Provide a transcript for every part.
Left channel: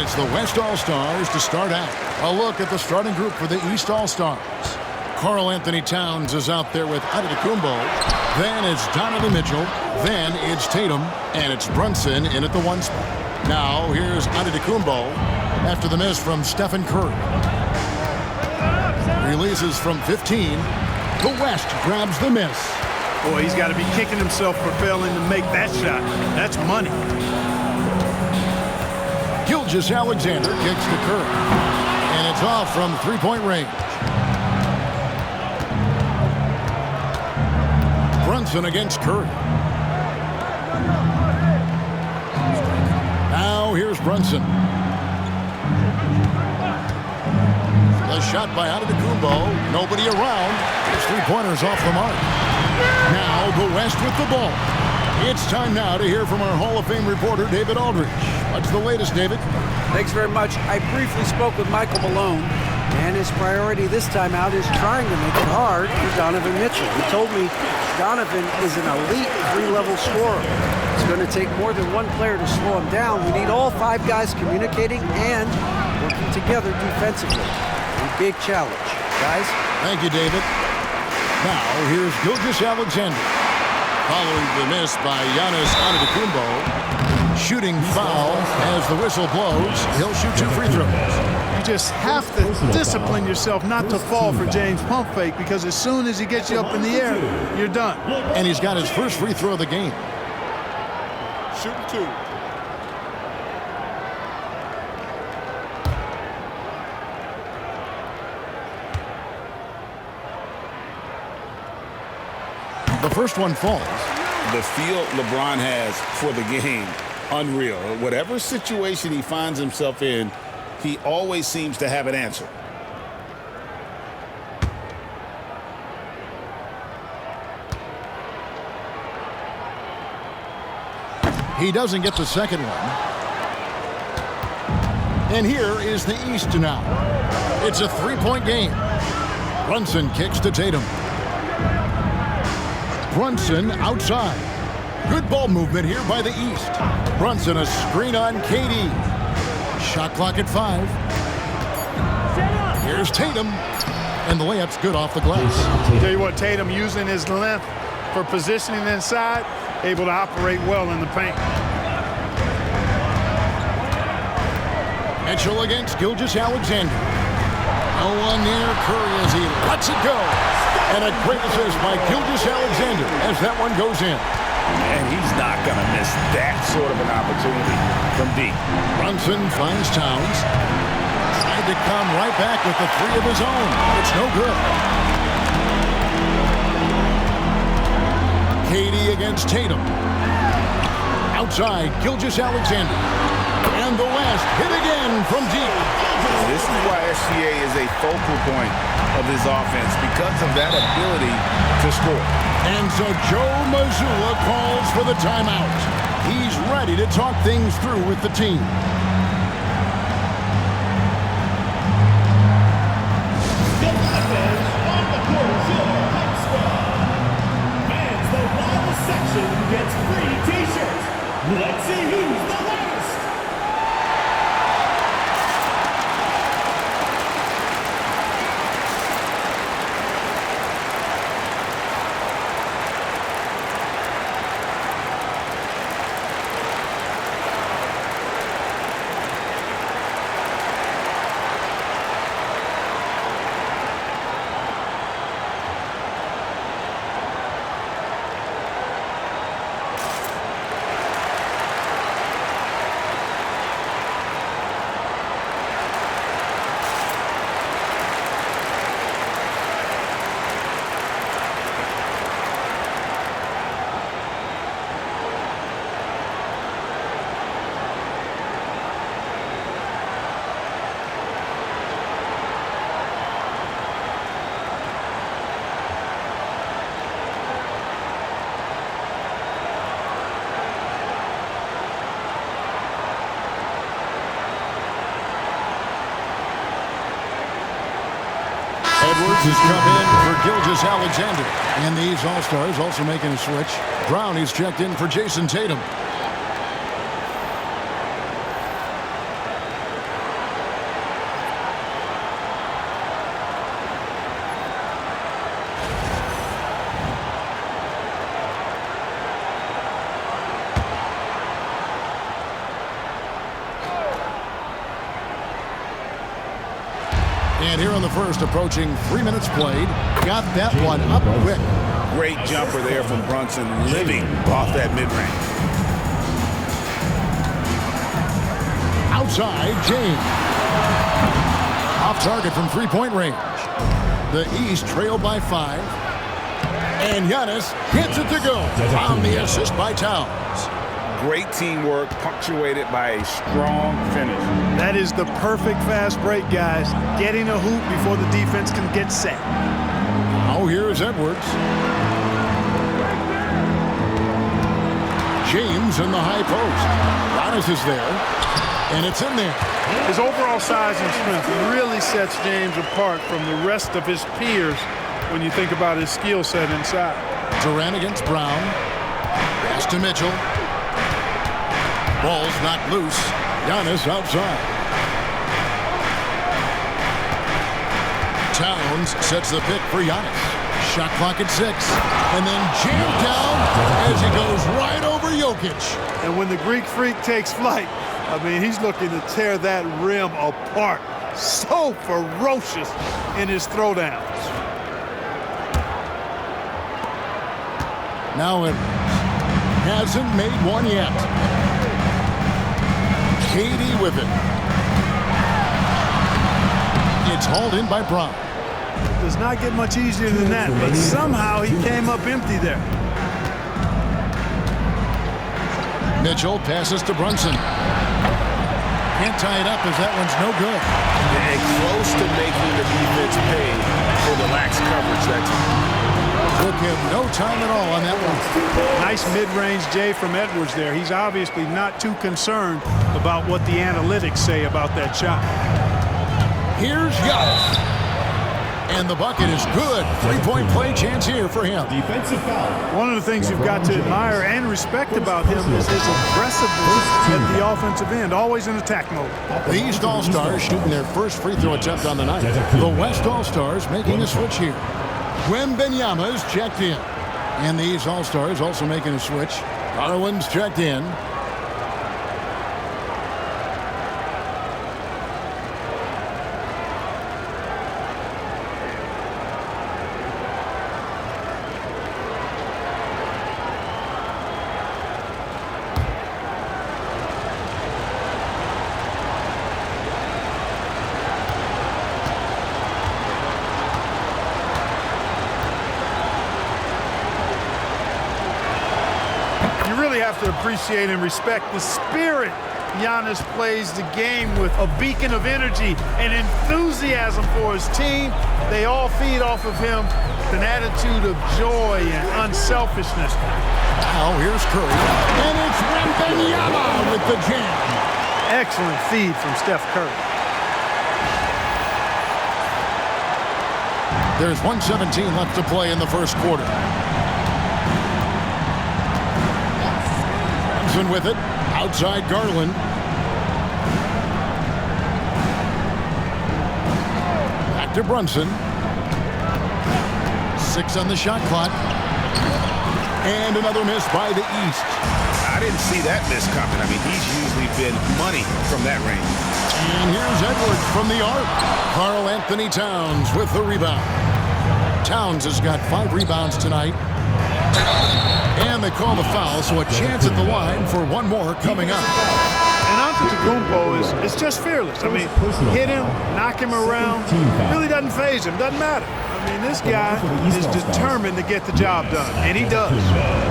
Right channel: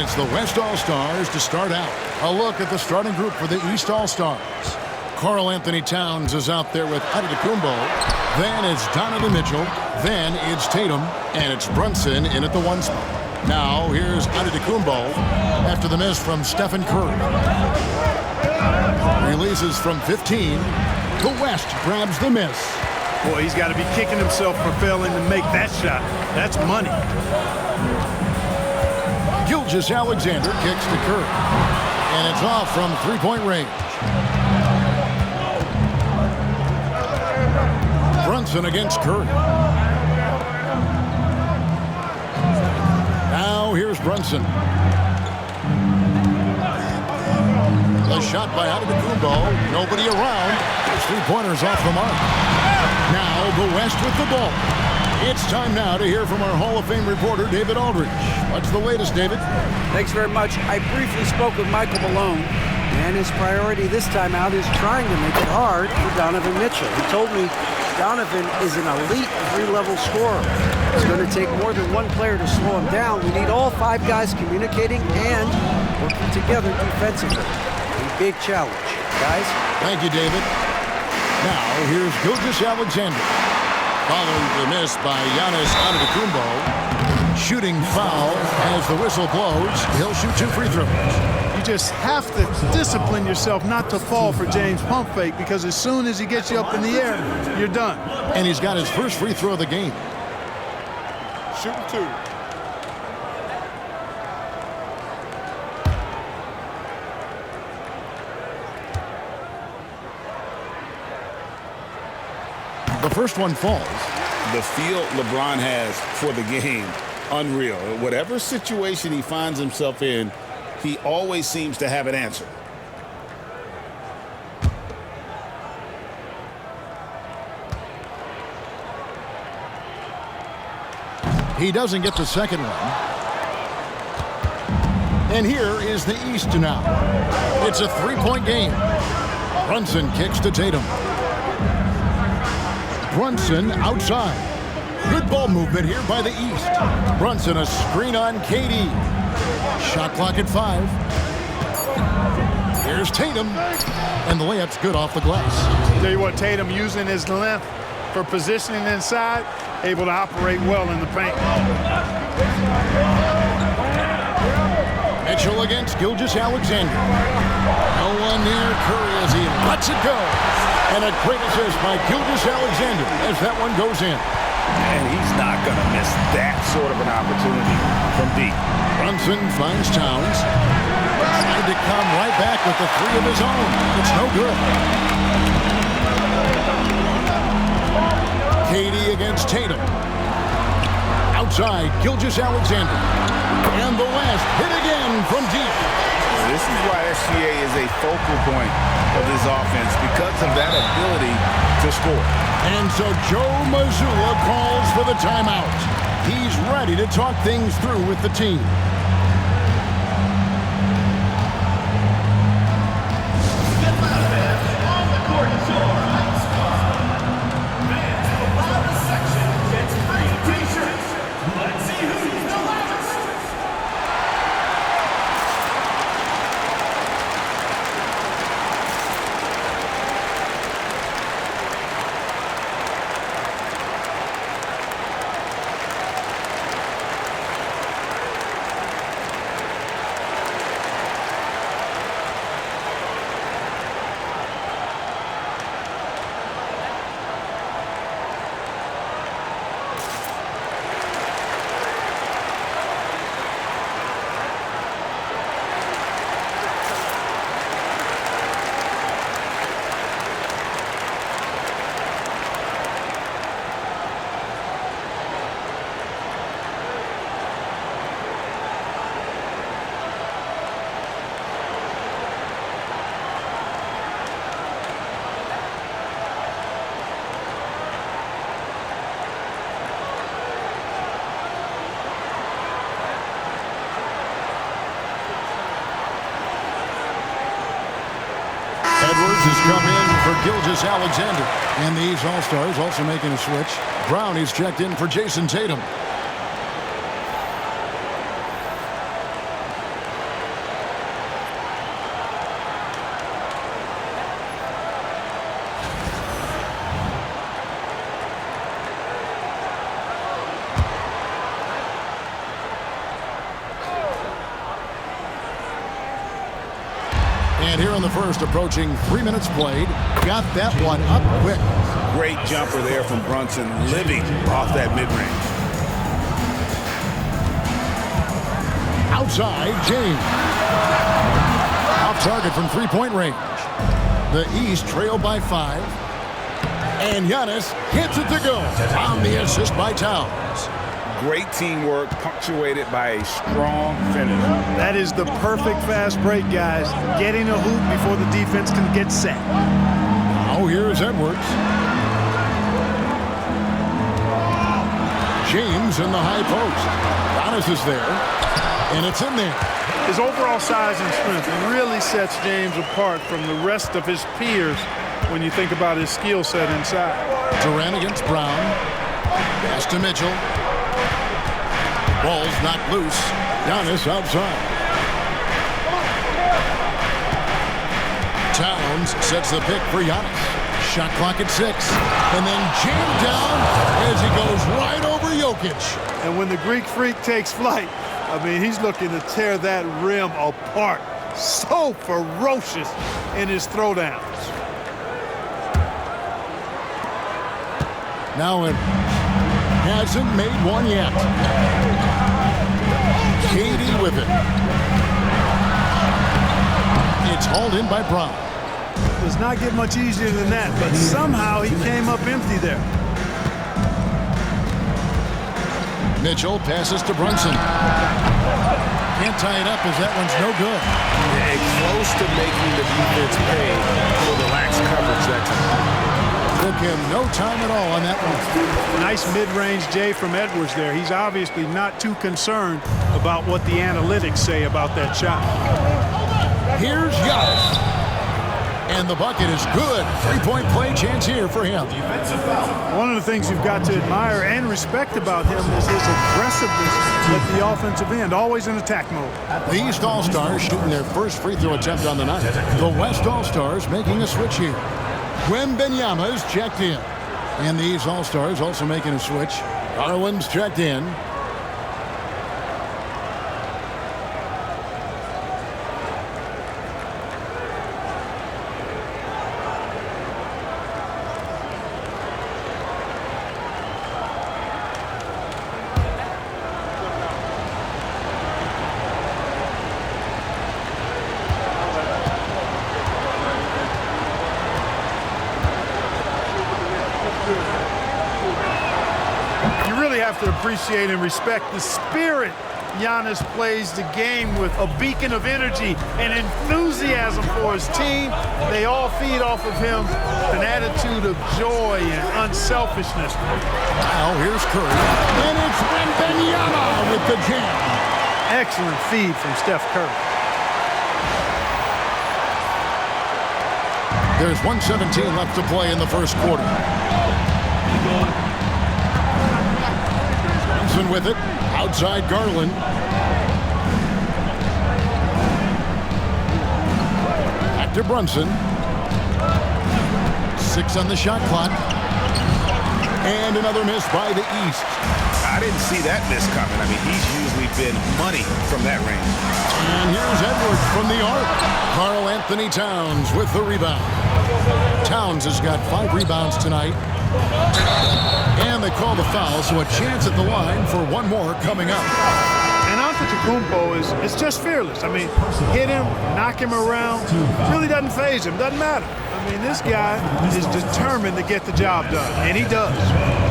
And it's the West All-Stars to start out. A look at the starting group for the East All-Stars. Karl Anthony Towns is out there with Antetokounmpo. Then it's Donovan Mitchell. Then it's Tatum. And it's Brunson in at the 1 spot. Now here's Antetokounmpo after the miss from Stephen Curry. Releases from 15. The West grabs the miss. Boy, he's got to be kicking himself for failing to make that shot. That's money. Gilgeous-Alexander kicks to Curry. And it's off from three-point range. Brunson against Curry. Now here's Brunson. The shot by Antetokounmpo. Nobody around. His three-pointers off the mark. Now the West with the ball. It's time now to hear from our Hall of Fame reporter, David Aldridge. What's the latest, David? Thanks very much. I briefly spoke with Michael Malone, and his priority this time out is trying to make it hard for Donovan Mitchell. He told me Donovan is an elite 3-level scorer. It's going to take more than one player to slow him down. We need all 5 guys communicating and working together defensively. A big challenge. Guys? Thank you, David. Now, here's Gilgeous-Alexander. Following the miss by Giannis Antetokounmpo. Shooting foul as the whistle blows. He'll shoot 2 free throws. You just have to discipline yourself not to fall for James pump fake, because as soon as he gets you up in the air, you're done. And he's got his first free throw of the game. Shooting 2. The first one falls. The feel LeBron has for the game, unreal. Whatever situation he finds himself in, he always seems to have an answer. He doesn't get the second one. And here is the East now. It's a 3-point game. Brunson kicks to Tatum. Brunson outside. Good ball movement here by the East. Brunson a screen on KD. Shot clock at 5. Here's Tatum. And the layup's good off the glass. Tell you what, Tatum using his length for positioning inside, able to operate well in the paint. Mitchell against Gilgeous-Alexander. No one near Curry as he lets it go. And a great assist by Gilgeous-Alexander as that one goes in. And he's not going to miss that sort of an opportunity from deep. Brunson finds Towns. Tried to come right back with the 3 of his own. It's no good. KD against Tatum. Outside, Gilgeous-Alexander. And the West hit again from deep. This is why SGA is a focal point of this offense, because of that ability to score. And so Joe Mazzulla calls for the timeout. He's ready to talk things through with the team. Let's see who's the loudest. Edwards has come in for Gilgeous-Alexander. And these All-Stars also making a switch. Brown is checked in for Jason Tatum. And here in the first, approaching 3 minutes played, got that one up quick. Great jumper there from Brunson, living off that mid-range. Outside, James. Off target from three-point range. The East trail by 5. And Giannis hits it to go on the assist by Towns. Great teamwork, punctuated by a strong finish. That is the perfect fast break, guys. Getting a hoop before the defense can get set. Now here's Edwards. James in the high post. Giannis is there, and it's in there. His overall size and strength really sets James apart from the rest of his peers when you think about his skill set inside. Durant against Brown. Pass to Mitchell. Ball's knocked loose. Giannis outside. Towns sets the pick for Giannis. Shot clock at 6. And then jammed down as he goes right over Jokic. And when the Greek Freak takes flight, I mean, he's looking to tear that rim apart. So ferocious in his throwdowns. Now Edwards hasn't made one yet. Katie with it. It's hauled in by Brown. Does not get much easier than that, but somehow he came up empty there. Mitchell passes to Brunson. Can't tie it up as that one's no good. Yeah, close to making the defense pay for the lax coverage that time. Took him no time at all on that one. Nice mid-range J from Edwards there. He's obviously not too concerned about what the analytics say about that shot. Here's Giannis. And the bucket is good. Three-point play chance here for him. Defensive foul. One of the things you've got to admire and respect about him is his aggressiveness at the offensive end, always in attack mode. The East All-Stars shooting their first free throw attempt on the night. The West All-Stars making a switch here. Wembanyama is checked in. And the East All-Stars also making a switch. Garland's checked in. You really have to appreciate and respect the spirit Giannis plays the game with, a beacon of energy and enthusiasm for his team. They all feed off of him, an attitude of joy and unselfishness. Now here's Curry. And it's Wembanyama with the jam. Excellent feed from Steph Curry. There's 1:17 left to play in the first quarter. Brunson with it. Outside Garland. Back to Brunson. 6 on the shot clock. And another miss by the East. I didn't see that miss coming. I mean, he's usually been money from that range. And here's Edwards from the arc. Karl Anthony Towns with the rebound. Towns has got 5 rebounds tonight. And they call the foul, so a chance at the line for one more coming up. And Antetokounmpo is just fearless. I mean, hit him, knock him around, really doesn't faze him, doesn't matter. I mean, this guy is determined to get the job done, and he does.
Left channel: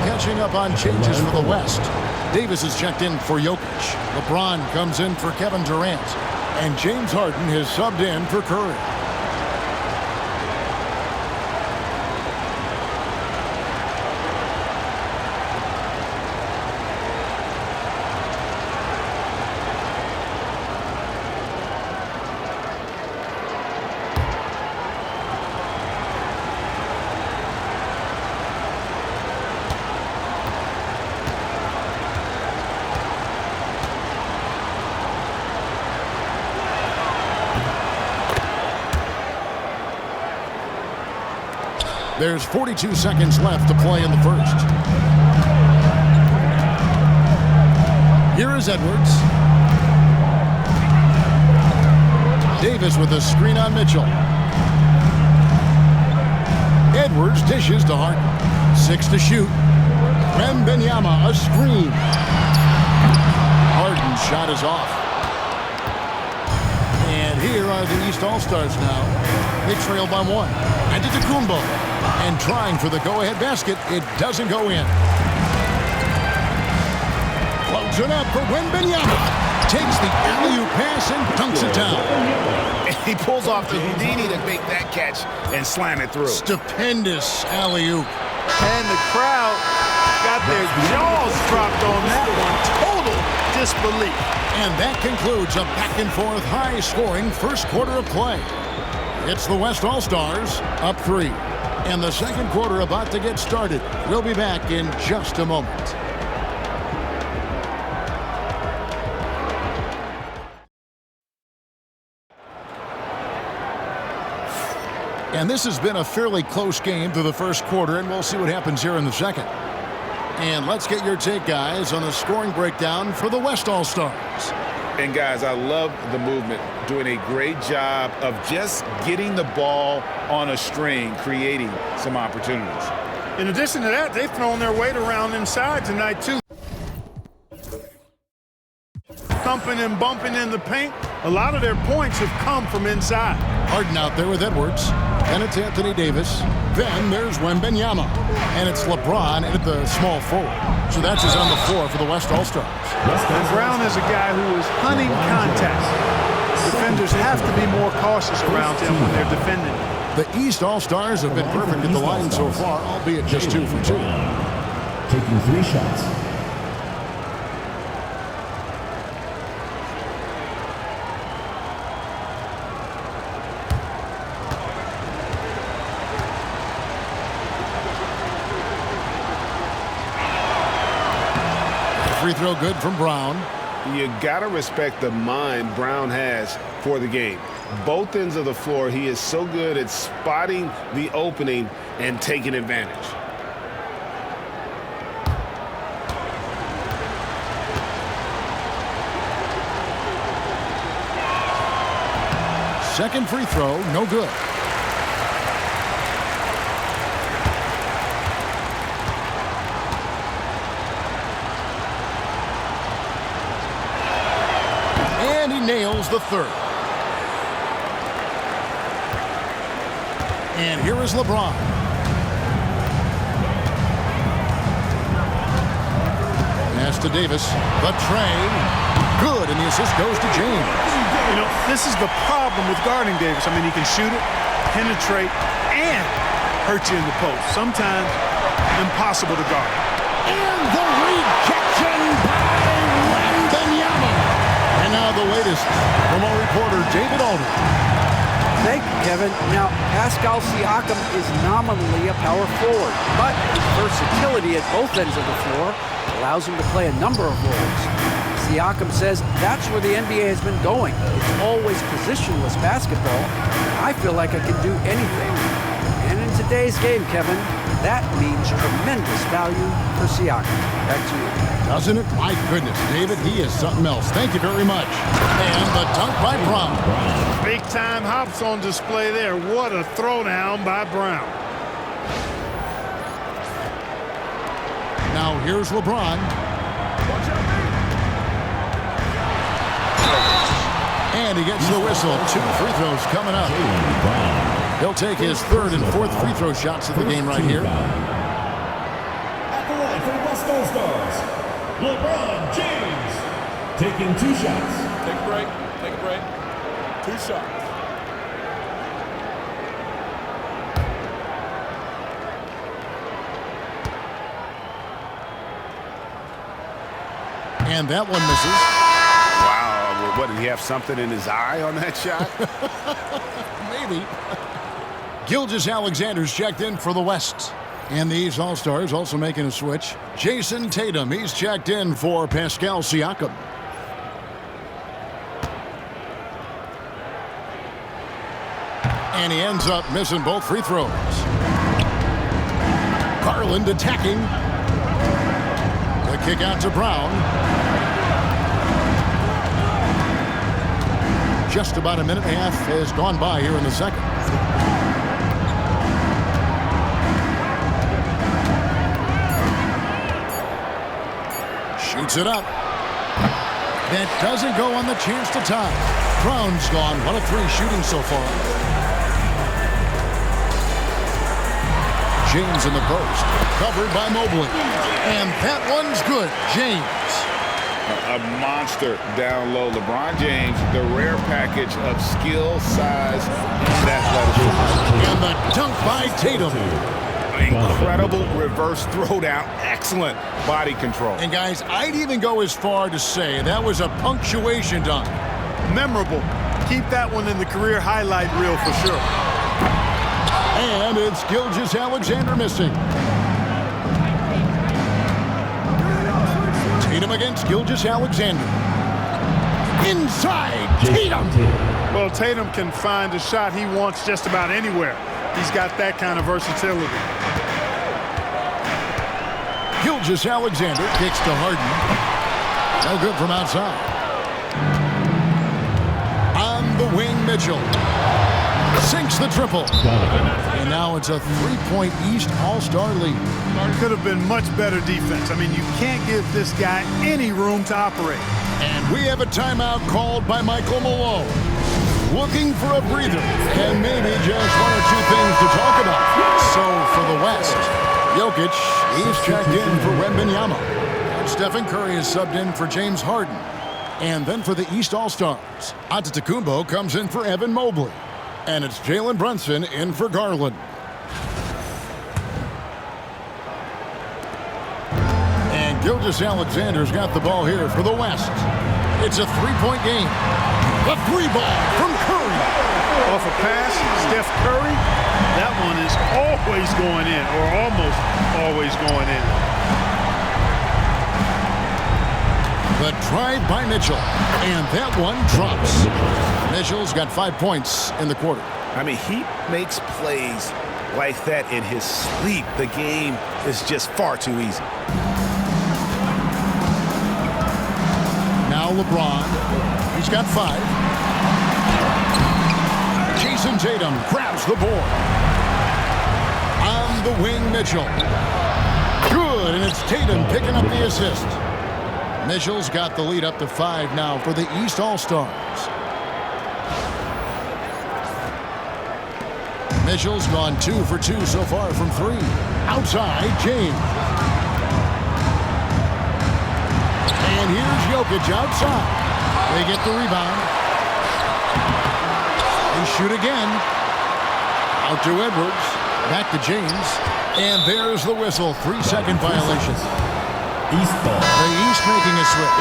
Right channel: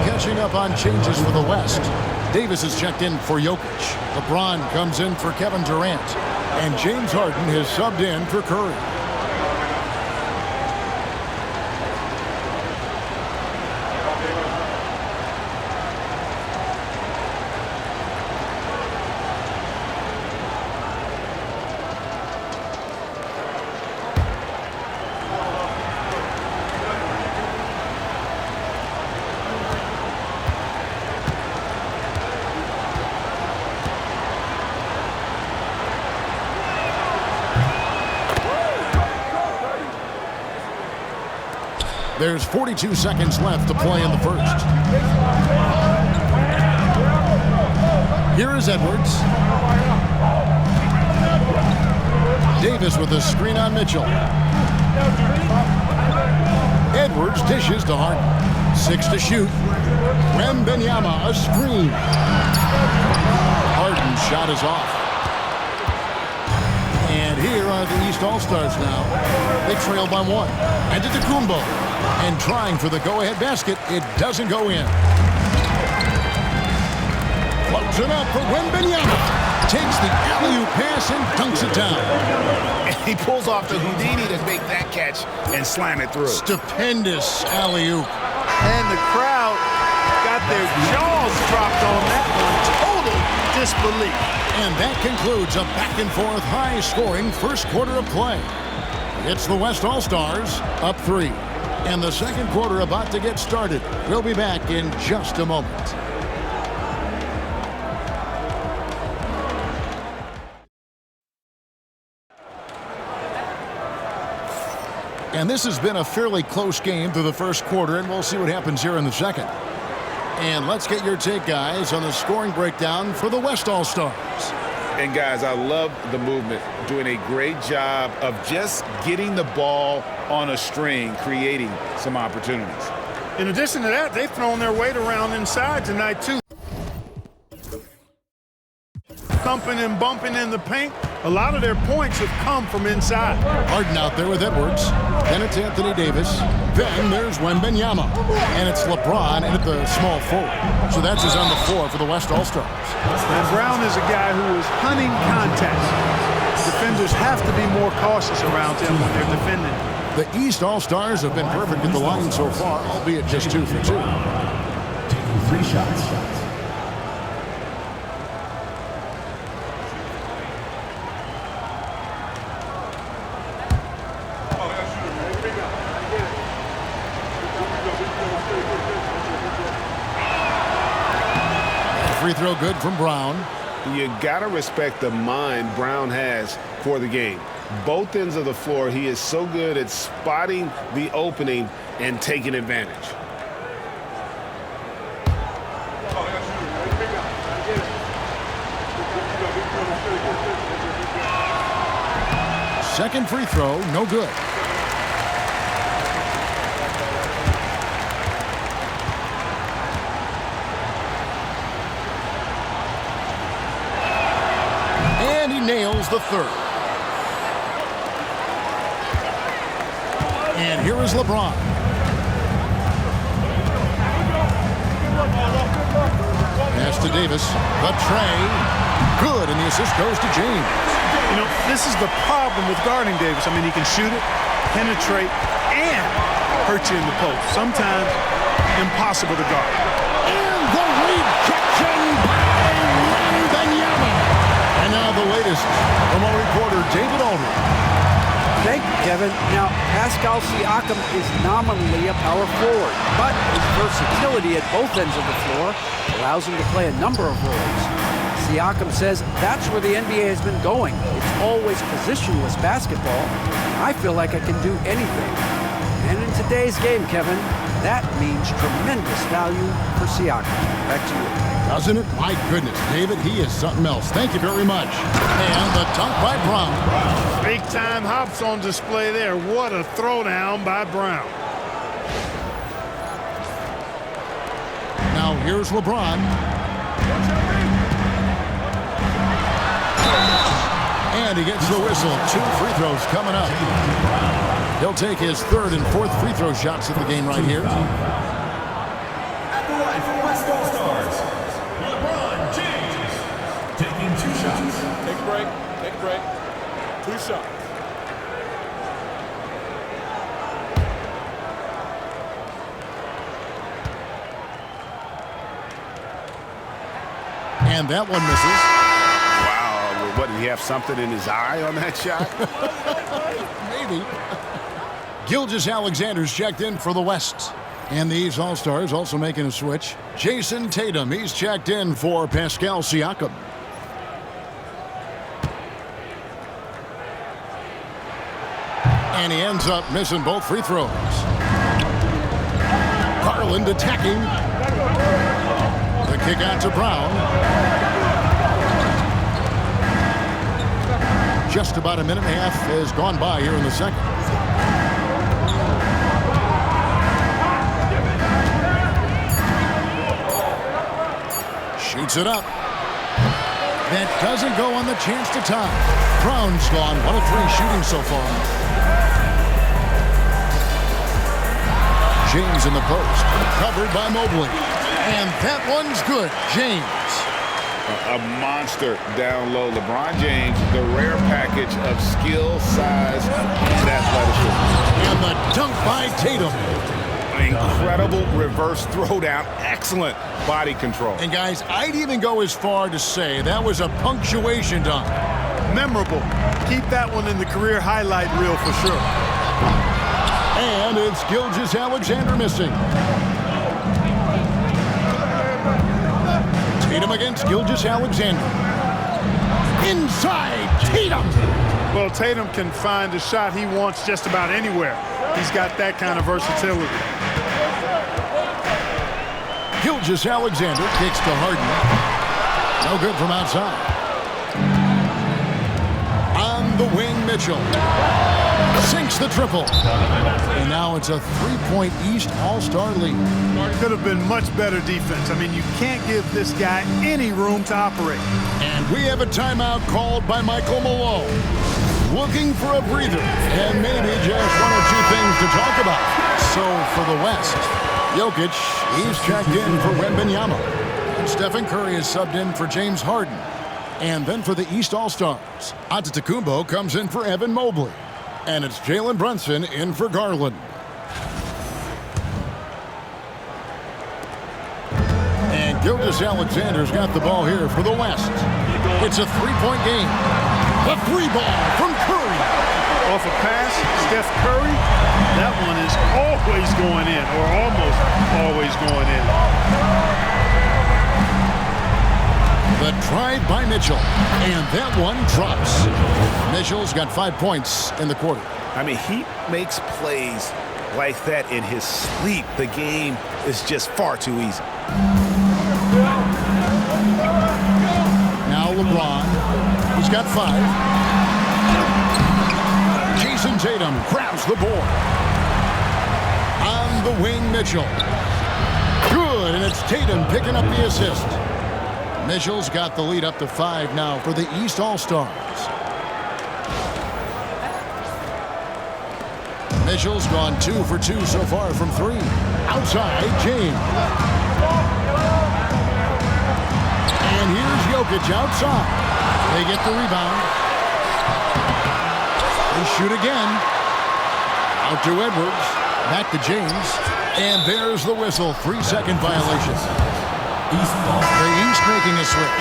Catching up on changes for the West. Davis is checked in for Jokic. LeBron comes in for Kevin Durant. And James Harden has subbed in for Curry. There's 42 seconds left to play in the first. Here is Edwards. Davis with a screen on Mitchell. Edwards dishes to Harden. 6 to shoot. Wembanyama, a screen. Harden's shot is off. And here are the East All-Stars now. They trail by 1. Antetokounmpo. And trying for the go-ahead basket. It doesn't go in. Floats it up for Wembanyama. Takes the alley-oop pass and dunks it down. And he pulls off the Houdini to make that catch and slam it through. Stupendous alley-oop. And the crowd got their jaws dropped on that one. Total disbelief. And that concludes a back-and-forth, high-scoring first quarter of play. It's the West All-Stars up 3. And the second quarter about to get started. We'll be back in just a moment. And this has been a fairly close game through the first quarter, and we'll see what happens here in the second. And let's get your take, guys, on the scoring breakdown for the West All-Stars. And, guys, I love the movement. Doing a great job of just getting the ball on a string, creating some opportunities. In addition to that, they've thrown their weight around inside tonight, too. Thumping and bumping in the paint. A lot of their points have come from inside. Harden out there with Edwards. Then it's Anthony Davis. Then there's Wembanyama. And it's LeBron at the small forward. So that's his on the floor for the West All-Stars. And Brown is a guy who is hunting contact. Defenders have to be more cautious around him when they're defending. The East All-Stars have been perfect at the line so far, albeit just 2 for 2. Taking 3 shots. Free throw good from Brown. You got to respect the mind Brown has for the game. Both ends of the floor, he is so good at spotting the opening and taking advantage. Second free throw, no good. And he nails the third. And here is LeBron. Pass to Davis. The tray. Good, and the assist goes to James. You know, this is the problem with guarding Davis. I mean, he can shoot it, penetrate, and hurt you in the post. Sometimes impossible to guard. And the rejection by Wembanyama. And now the latest from our reporter, David Aldridge. Thank you, Kevin. Now, Pascal Siakam is nominally a power forward, but his versatility at both ends of the floor allows him to play a number of roles. Siakam says that's where the NBA has been going. It's always positionless basketball, and I feel like I can do anything. And in today's game, Kevin, that means tremendous value for Siakam. Back to you. Doesn't it? My goodness, David, he is something else. Thank you very much. And the dunk by Brown. Big-time hops on display there. What a throwdown by Brown. Now here's LeBron. And he gets the whistle. 2 free throws coming up. He'll take his 3rd and 4th free throw shots of the game right here. At the line for West All-Stars, LeBron James. Taking 2 shots. Take a break. Take a break. 2 shots. And that one misses. Wow, what, did he have something in his eye on that shot? Maybe. Gilgeous-Alexander's checked in for the West. And these All-Stars also making a switch. Jason Tatum, he's checked in for Pascal Siakam. And he ends up missing both free throws. Garland attacking. The kick out to Brown. Just about a minute and a half has gone by here in the second. Shoots it up. That doesn't go on the chance to tie. Brown's gone 1 of 3 shooting so far. James in the post. Covered by Mobley. And that one's good. James. A monster down low. LeBron James, the rare package of skill, size, and athleticism. And the dunk by Tatum. Incredible reverse throwdown. Excellent body control. And guys, I'd even go as far to say that was a punctuation dunk. Memorable. Keep that one in the career highlight reel for sure. And it's Gilgeous-Alexander missing. Tatum against Gilgeous-Alexander. Inside, Tatum. Well, Tatum can find a shot he wants just about anywhere. He's got that kind of versatility. Gilgeous-Alexander kicks to Harden. No good from outside. On the wing, Mitchell. Sinks the triple. And now it's a 3-point East All-Star lead. Could have been much better defense. I mean, you can't give this guy any room to operate. And we have a timeout called by Michael Malone. Looking for a breather and maybe just 1 or 2 things to talk about. So for the West, Jokic, he's checked in for Wembanyama. And Stephen Curry is subbed in for James Harden. And then for the East All-Stars, Antetokounmpo comes in for Evan Mobley. And it's Jalen Brunson in for Garland. And Gilgeous-Alexander's got the ball here for the West. It's a 3-point game. The 3 ball from Curry. Off a pass, Steph Curry, that one is always going in, or almost always going in. The drive by Mitchell, and that one drops. Mitchell's got 5 points in the quarter. I mean, he makes plays like that in his sleep. The game is just far too easy. Now LeBron, he's got 5. Jason Tatum grabs the board. On the wing, Mitchell. Good, and it's Tatum picking up the assist. Mitchell's got the lead up to 5 now for the East All-Stars. Mitchell's gone 2 for 2 so far from 3. Outside, James. And here's Jokic outside. They get the rebound. They shoot again. Out to Edwards. Back to James. And there's the whistle. 3-second violation. East ball. The East making a switch.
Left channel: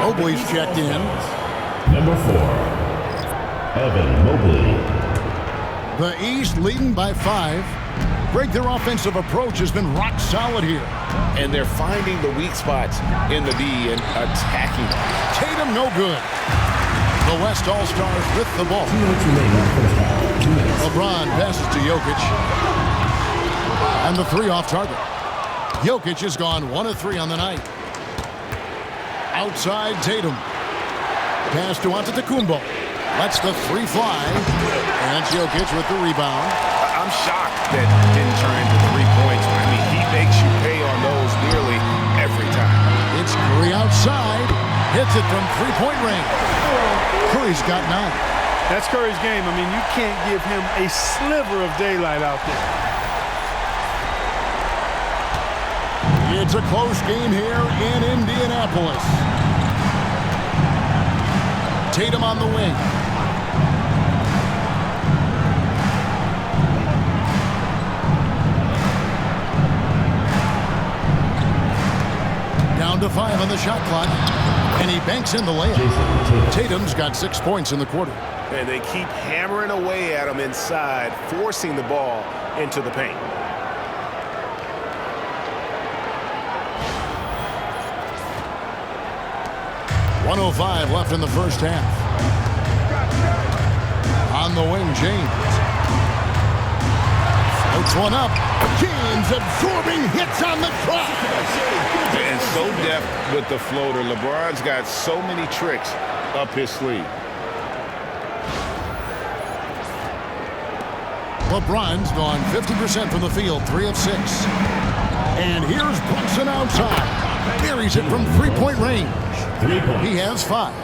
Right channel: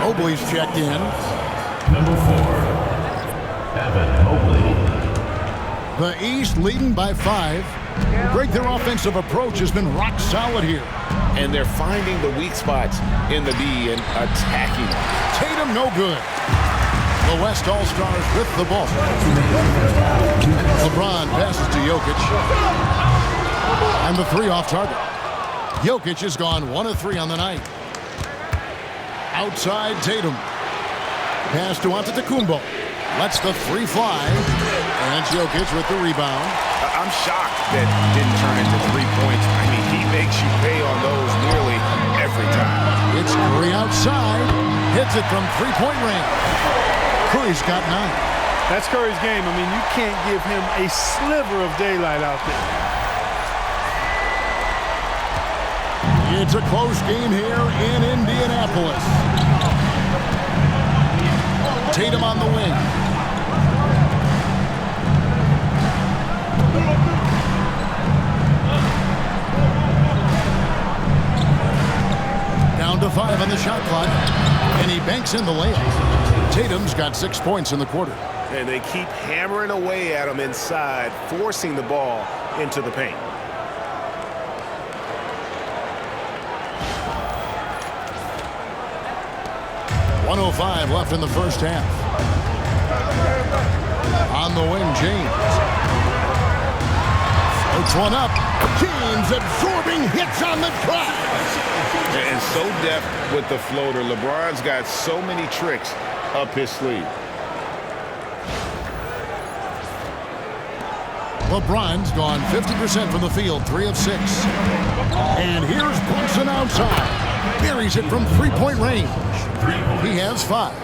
Mobley's checked in. Number 4, Evan Mobley. The East leading by 5. Greg, their offensive approach has been rock solid here. And they're finding the weak spots in the D and attacking them. Tatum no good. The West All-Stars with the ball. LeBron passes to Jokic. And the 3 off target. Jokic has gone 1 of 3 on the night. Outside Tatum. Pass to Antetokounmpo. Lets the 3 fly. And it's Jokic with the rebound. I'm shocked that didn't turn into 3 points. I mean, he makes you pay on those nearly every time. It's Curry outside. Hits it from 3-point range. Curry's got 9. That's Curry's game. I mean, you can't give him a sliver of daylight out there. It's a close game here in Indianapolis. Tatum on the wing. Down to 5 on the shot clock. And he banks in the layup. Tatum's got 6 points in the quarter. And they keep hammering away at him inside, forcing the ball into the paint. .105 left in the first half. On the wing, James. Floats one up. James absorbing hits on the drive. And so deft with the floater. LeBron's got so many tricks up his sleeve. LeBron's gone 50% from the field, 3 of 6. And here's Brunson outside. Buries it from three-point range. 3 points. He has 5.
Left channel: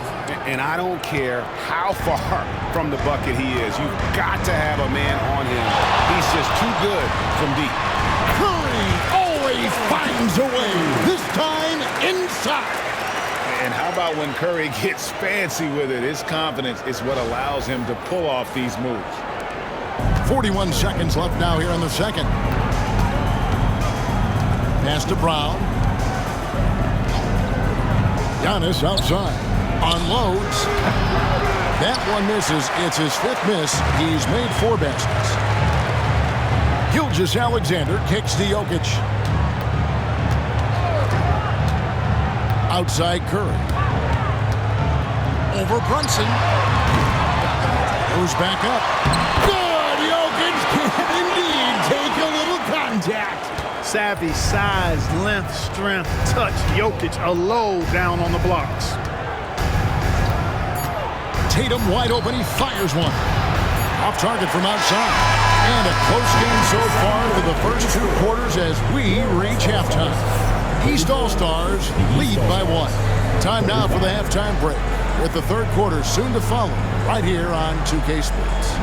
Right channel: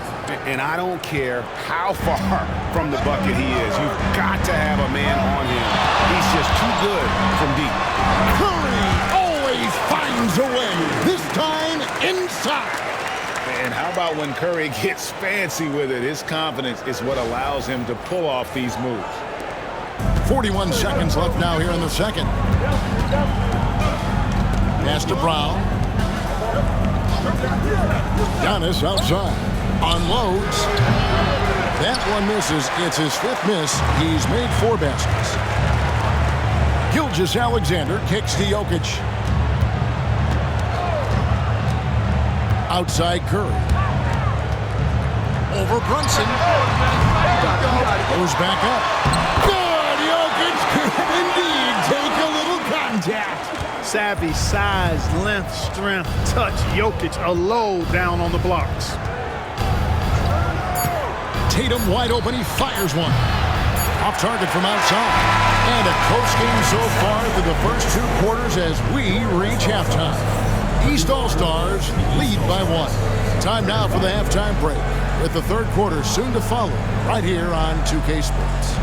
And I don't care how far from the bucket he is. You've got to have a man on him. He's just too good from deep. Curry always finds a way, this time inside. And how about when Curry gets fancy with it? His confidence is what allows him to pull off these moves. 41 seconds left now here in the second. Pass to Brown. Giannis outside. Unloads. That one misses. It's his 5th miss. He's made 4 baskets. Gilgeous-Alexander kicks to Jokic. Outside Curry. Over Brunson. Goes back up. Good! Jokic can indeed take a little contact. Savvy, size, length, strength, touch. Jokic a low down on the blocks. Tatum wide open. He fires one. Off target from outside. And a close game so far through the first 2 quarters as we reach halftime. East All-Stars lead by 1. Time now for the halftime break, with the 3rd quarter soon to follow right here on 2K Sports.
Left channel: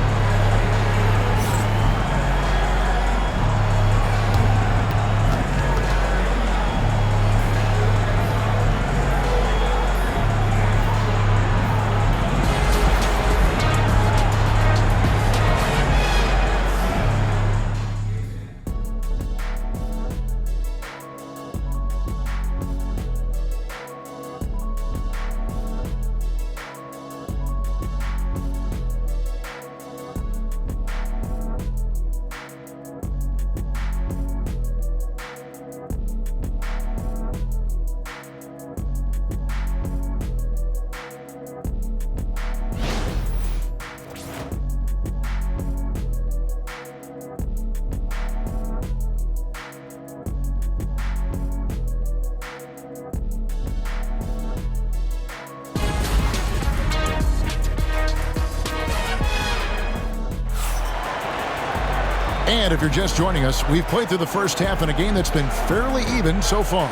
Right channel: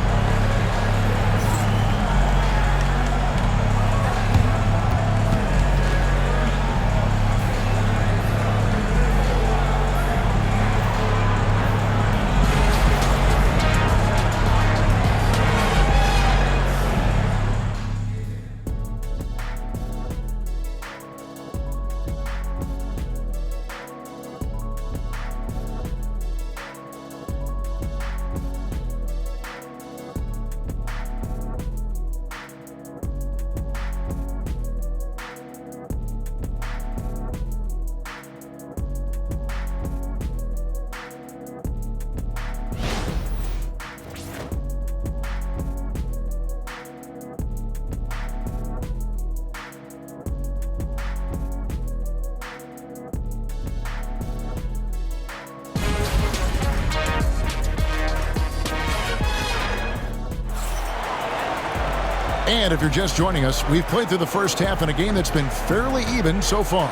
And if you're just joining us, we've played through the first half in a game that's been fairly even so far.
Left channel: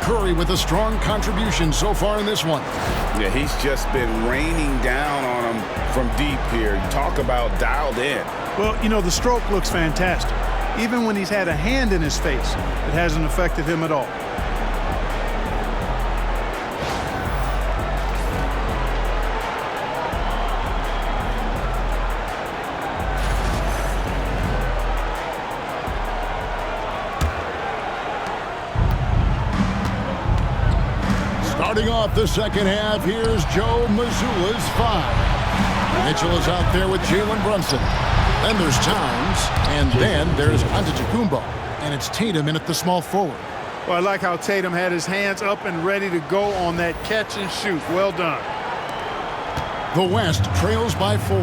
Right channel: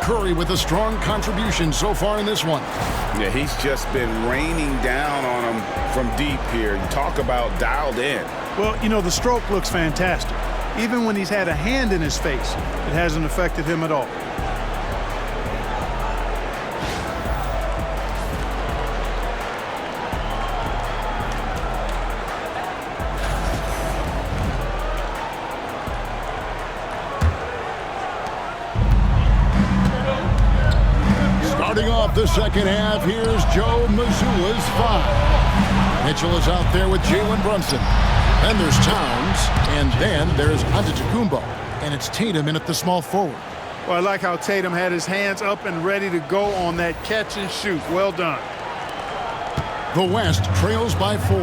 Curry with a strong contribution so far in this one. Yeah, he's just been raining down on him from deep here. You talk about dialed in. Well, you know, the stroke looks fantastic. Even when he's had a hand in his face, it hasn't affected him at all. Starting off the second half, here's Joe Mazzulla's 5. Mitchell is out there with Jalen Brunson. Then there's Towns, and then there's Antetokounmpo. And it's Tatum in at the small forward. Well, I like how Tatum had his hands up and ready to go on that catch and shoot. Well done. The West trails by 4.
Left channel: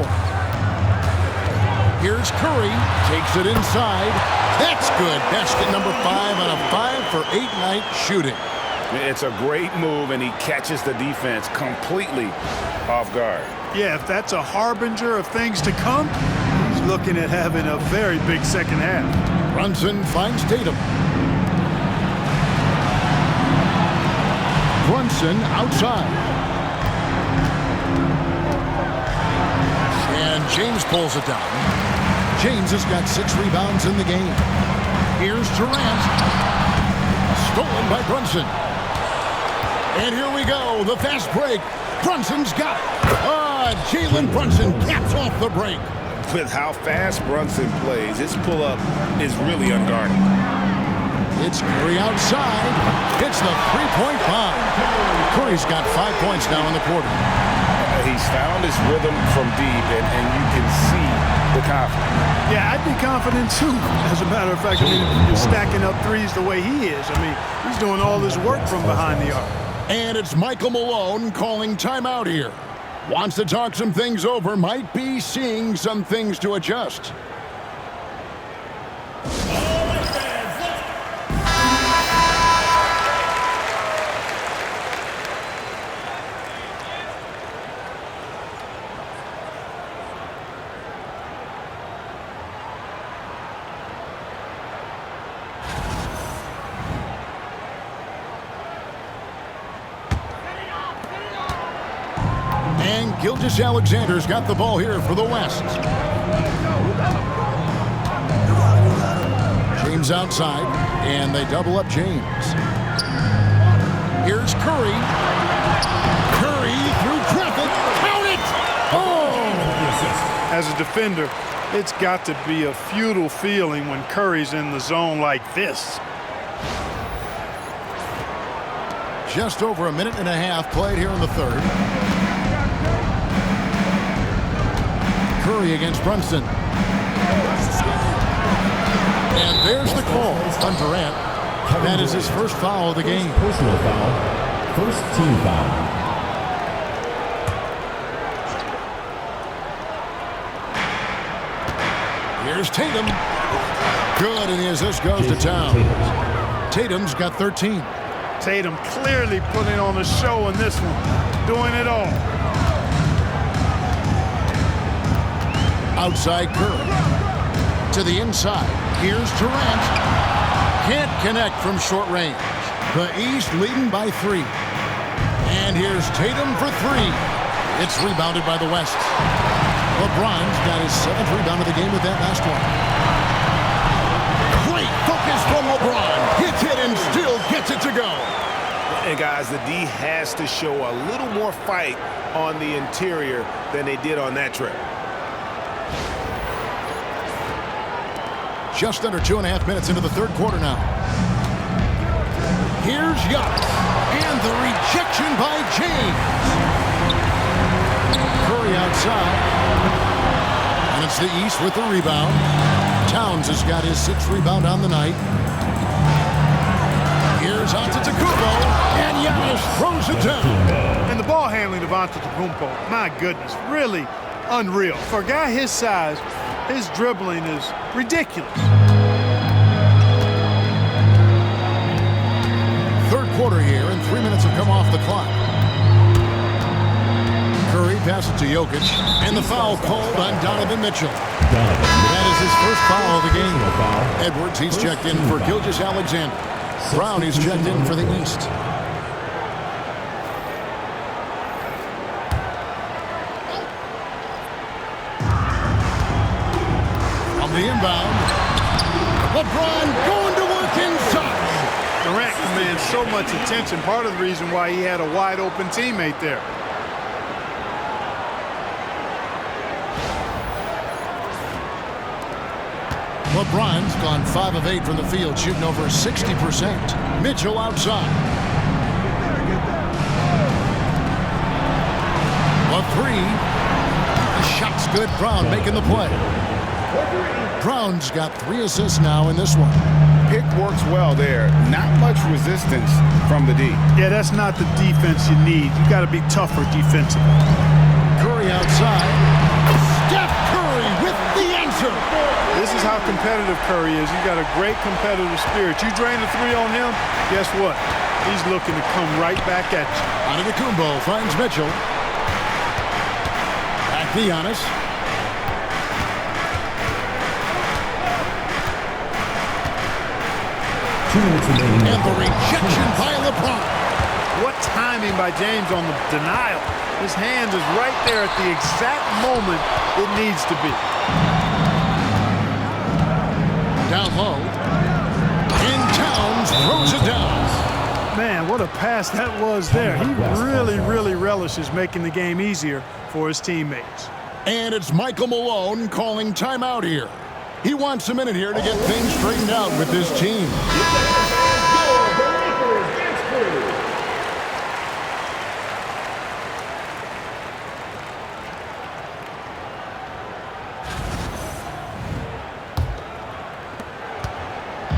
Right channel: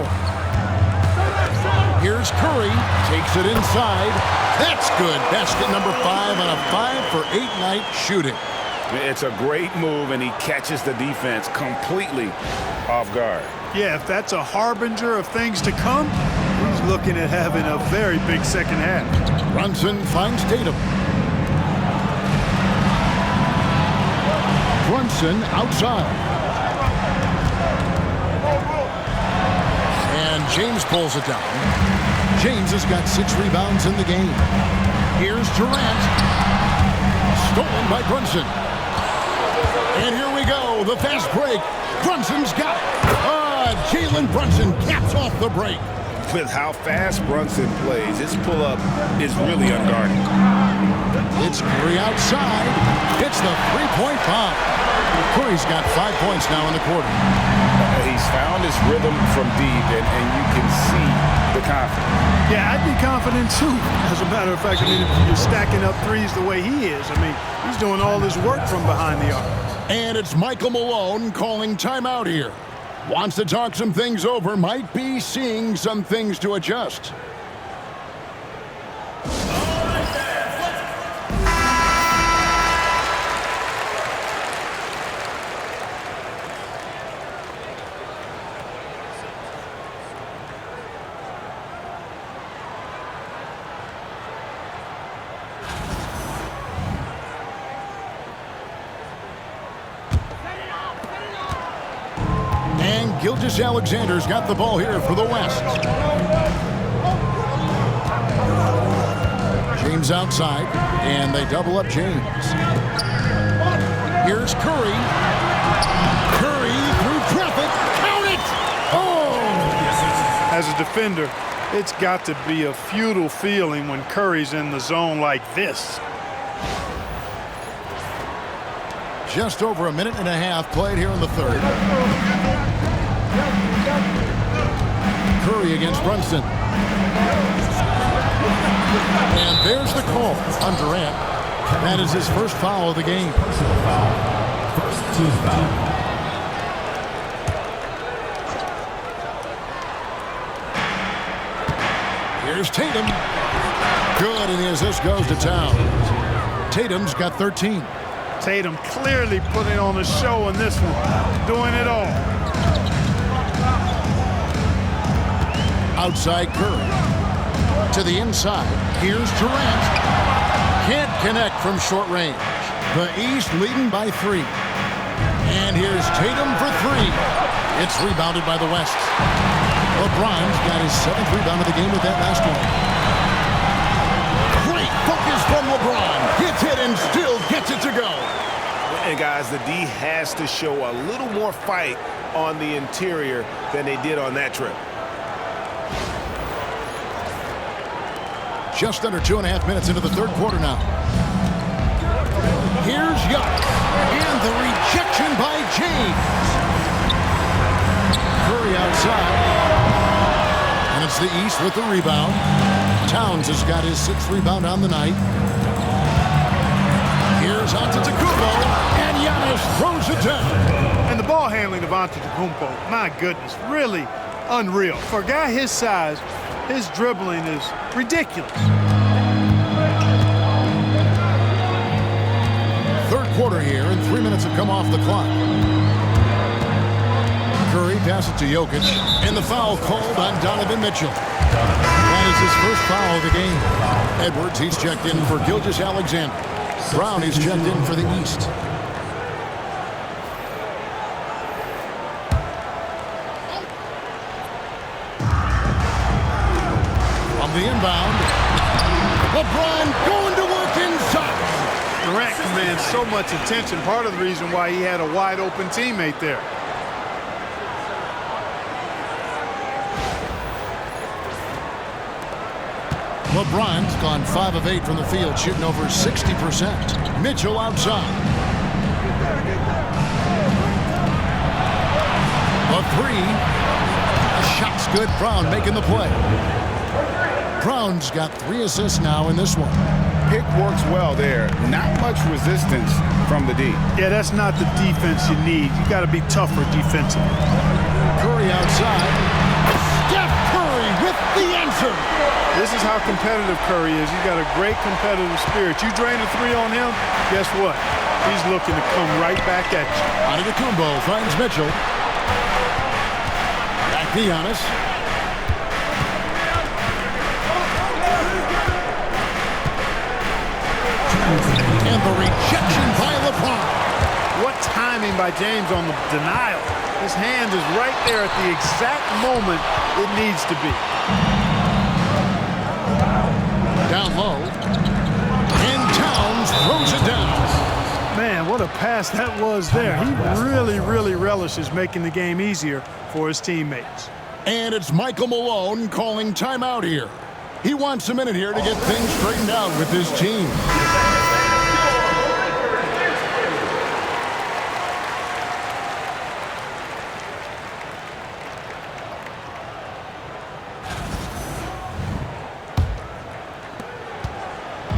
Here's Curry, takes it inside. That's good. Basket number 5 on a 5-for-8 night shooting. It's a great move, and he catches the defense completely off guard. Yeah, if that's a harbinger of things to come, he's looking at having a very big second half. Brunson finds Tatum. Brunson outside. And James pulls it down. James has got 6 rebounds in the game. Here's Durant. Stolen by Brunson. And here we go, the fast break. Brunson's got it. Jalen Brunson caps off the break. With how fast Brunson plays, his pull-up is really unguarded. It's Curry outside. It's the 3-point bomb. Curry's got 5 points now in the quarter. He's found his rhythm from deep, and you can see the confidence. Yeah, I'd be confident too. As a matter of fact, I mean, if you're stacking up threes the way he is, I mean, he's doing all his work from behind the arc. And it's Michael Malone calling timeout here. Wants to talk some things over, might be seeing some things to adjust. And Gilgeous-Alexander's got the ball here for the West. James outside, and they double up James. Here's Curry. Curry through traffic. Count it! Oh! As a defender, it's got to be a futile feeling when Curry's in the zone like this. Just over a minute and a half played here in the third. Curry against Brunson. And there's the call on Durant. That is his first foul of the game. Personal foul. First team foul. Here's Tatum. Good, and the assist goes to Towns. Tatum's got 13. Tatum clearly putting on a show in this one, doing it all. Outside Curry. To the inside. Here's Durant. Can't connect from short range. The East leading by 3. And here's Tatum for 3. It's rebounded by the West. LeBron's got his 7th rebound of the game with that last one. Great focus from LeBron. Hits it and still gets it to go. And guys, the D has to show a little more fight on the interior than they did on that trip. Just under 2.5 minutes into the third quarter now. Here's Giannis. And the rejection by James. Curry outside. And it's the East with the rebound. Towns has got his 6th rebound on the night. Here's Antetokounmpo. And Giannis throws it down. And the ball handling of Antetokounmpo, my goodness, really unreal. For a guy his size, his dribbling is ridiculous. Third quarter here, and 3 minutes have come off the clock. Curry passes it to Jokic, and the foul called on Donovan Mitchell. That is his first foul of the game. Edwards, he's checked in for Gilgeous-Alexander. Brown, he's checked in for the East. From the inbound, LeBron going to work inside. Durant commands so much attention, part of the reason why he had a wide open teammate there. LeBron's gone 5 of 8 from the field, shooting over 60%. Mitchell outside. The 3. The shot's good. Brown making the play. Brown's got 3 assists now in this one. Pick works well there. Not much resistance from the D. Yeah, that's not the defense you need. You got to be tougher defensively. Curry outside. Steph Curry with the answer. This is how competitive Curry is. He's got a great competitive spirit. You drain a 3 on him, guess what? He's looking to come right back at you. Antetokounmpo finds Mitchell. Back to Giannis. And the rejection by LeBron. What timing by James on the denial. His hand is right there at the exact moment it needs to be. Down low. And Towns throws it down. Man, what a pass that was there. He really relishes making the game easier for his teammates. And it's Michael Malone calling timeout here. He wants a minute here to get things straightened out with his team.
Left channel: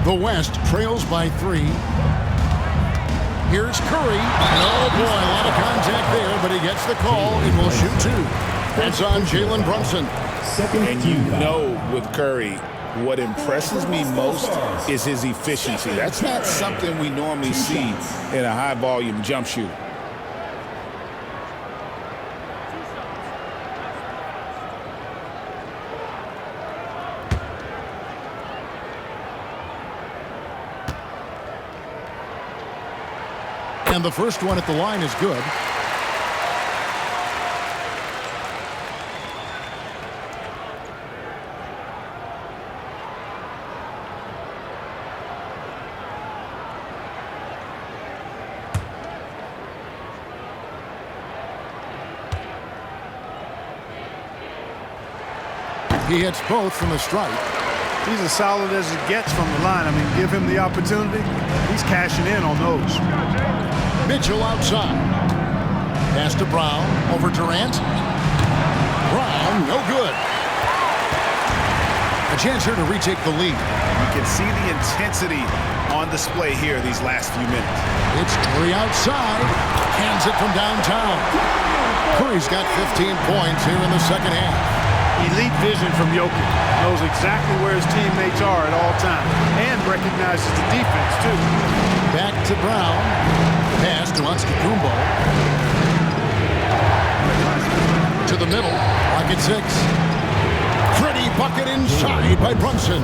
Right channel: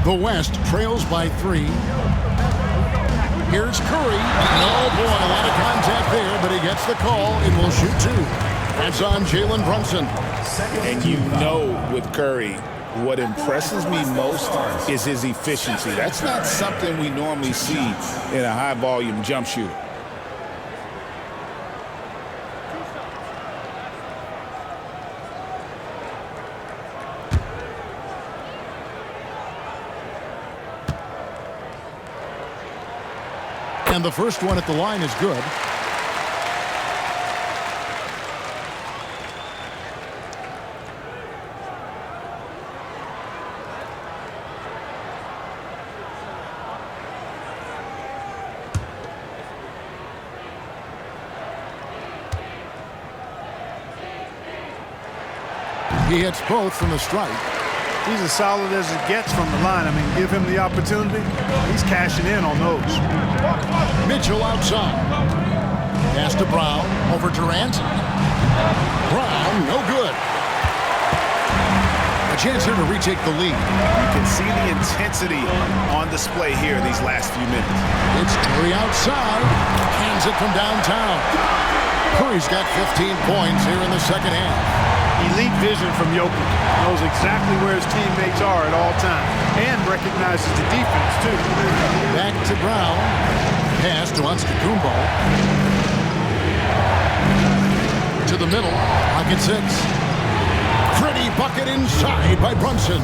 The West trails by 3. Here's Curry. And oh boy, a lot of contact there, but he gets the call and will shoot 2. That's on Jalen Brunson. And you know with Curry, what impresses me most is his efficiency. That's not something we normally see in a high-volume jump shooter. And the first one at the line is good. He hits both from the stripe. He's as solid as it gets from the line. I mean, give him the opportunity. He's cashing in on those. Mitchell outside. Pass to Brown. Over Durant. Brown, no good. A chance here to retake the lead. You can see the intensity on display here these last few minutes. It's Curry outside. Cans it from downtown. Curry's got 15 points here in the second half. Elite vision from Jokic. Knows exactly where his teammates are at all times. And recognizes the defense, too. Back to Brown. Pass to Antetokounmpo. To the middle. Pocket 6. Pretty bucket inside by Brunson.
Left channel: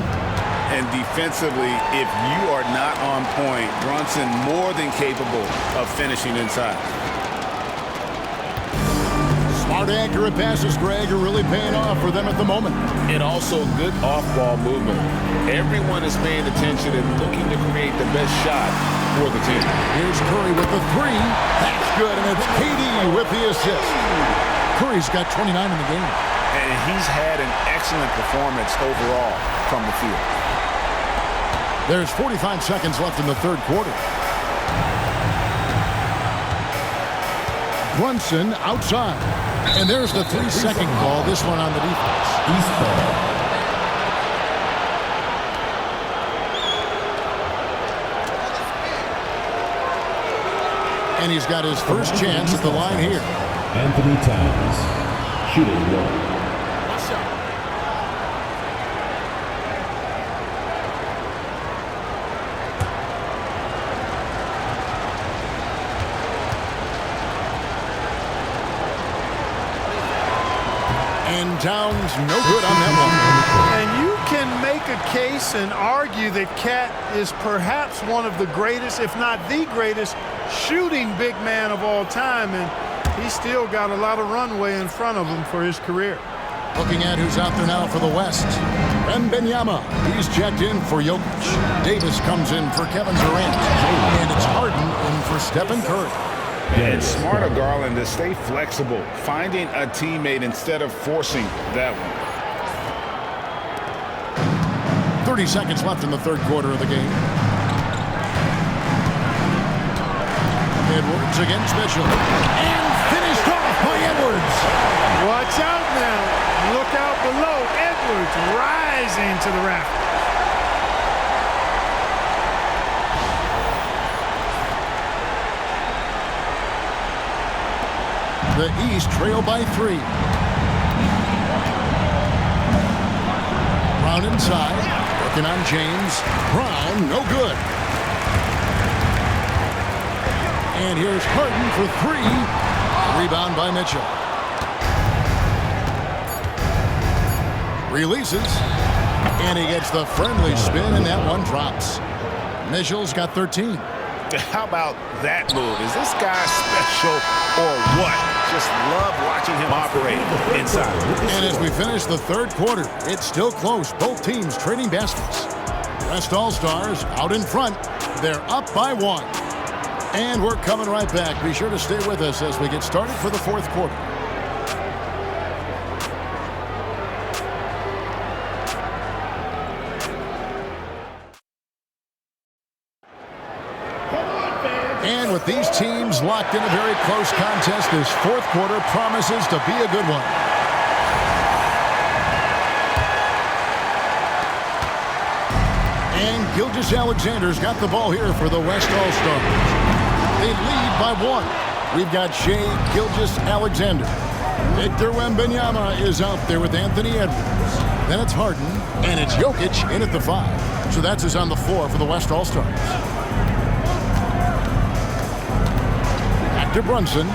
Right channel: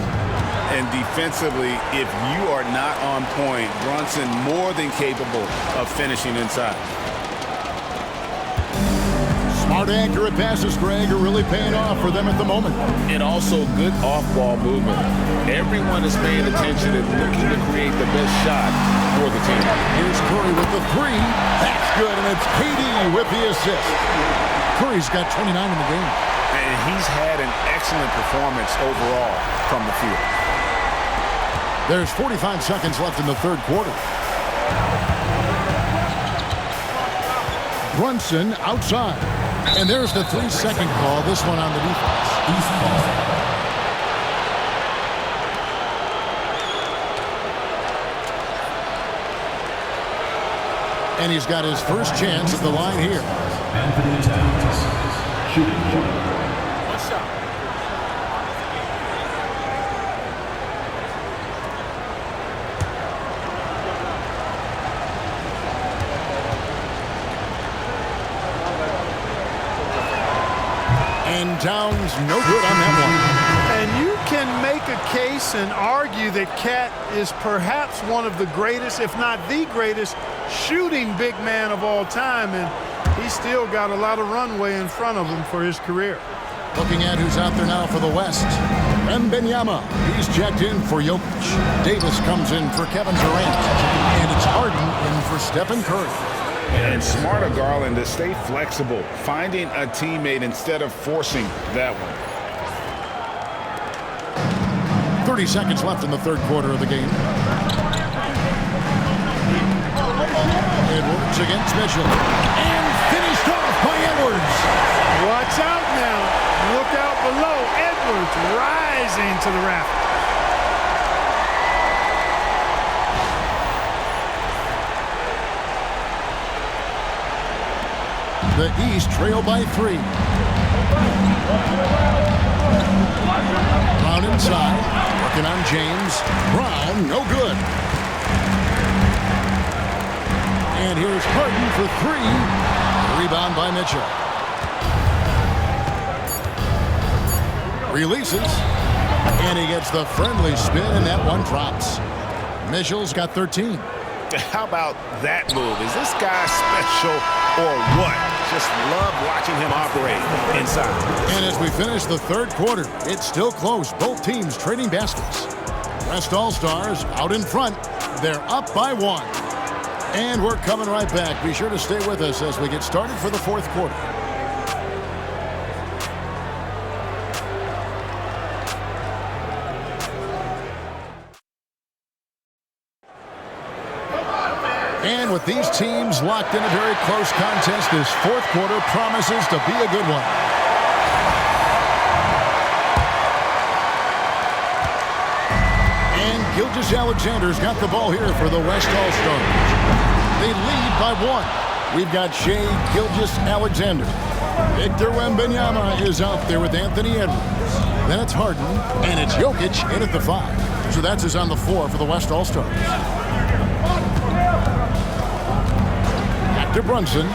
And defensively, if you are not on point, Brunson more than capable of finishing inside. Smart, accurate passes, Greg, are really paying off for them at the moment. And also good off-ball movement. Everyone is paying attention and looking to create the best shot for the team. Here's Curry with the 3. That's good, and it's KD with the assist. Curry's got 29 in the game. And he's had an excellent performance overall from the field. There's 45 seconds left in the third quarter. Brunson outside. And there's the 3-second call, this one on the defense. East ball. And he's got his first chance at the line here. Anthony Towns, shooting 1. One shot. And Towns no good on that one. And you can make a case and argue that Cat is perhaps one of the greatest, if not the greatest, shooting big man of all time. And he's still got a lot of runway in front of him for his career. Looking at who's out there now for the West. Wembanyama, he's checked in for Jokic. Davis comes in for Kevin Durant. And it's Harden in for Stephen Curry. And smart of Garland to stay flexible, finding a teammate instead of forcing that one. 30 seconds left in the third quarter of the game. Edwards against Mitchell. And finished off by Edwards. Watch out now. Look out below. Edwards rising to the rafters. The East trail by 3. Brown inside, working on James. Brown, no good. And here's Harden for 3. Rebound by Mitchell. Releases, and he gets the friendly spin, and that one drops. Mitchell's got 13. How about that move? Is this guy special or what? Just love watching him operate inside. And as we finish the third quarter, it's still close. Both teams trading baskets. West All-Stars out in front. They're up by 1. And we're coming right back. Be sure to stay with us as we get started for the fourth quarter. And with these teams locked in a very close contest, this fourth quarter promises to be a good one. And Gilgeous-Alexander's got the ball here for the West All-Stars. They lead by 1. We've got Shai Gilgeous-Alexander. Victor Wembanyama is out there with Anthony Edwards. Then it's Harden, and it's Jokic in at the 5. So that's who's on the floor for the West All-Stars. To Brunson,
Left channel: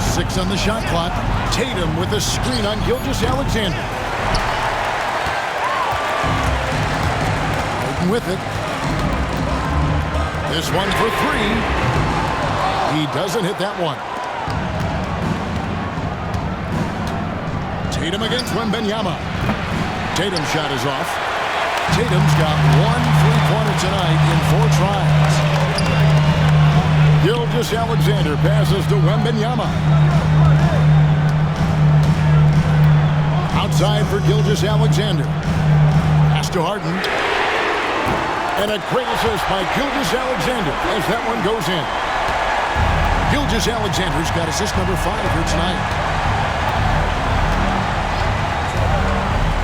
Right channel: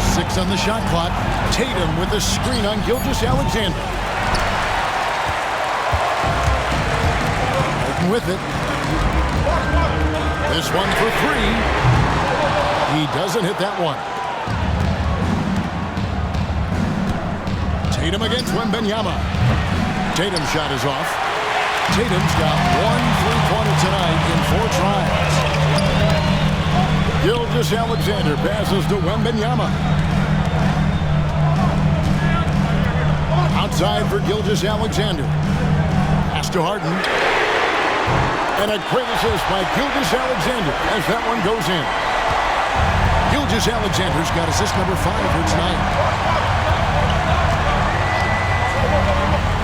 6 on the shot clock. Tatum with a screen on Gilgeous-Alexander. Harden with it. This one for 3. He doesn't hit that one. Tatum against Wembanyama. Tatum's shot is off. Tatum's got 1 3-pointer tonight in 4 tries. Gilgeous-Alexander passes to Wembanyama. Outside for Gilgeous-Alexander. Pass to Harden. And a great assist by Gilgeous-Alexander as that one goes in. Gilgeous-Alexander's got assist number 5 here tonight.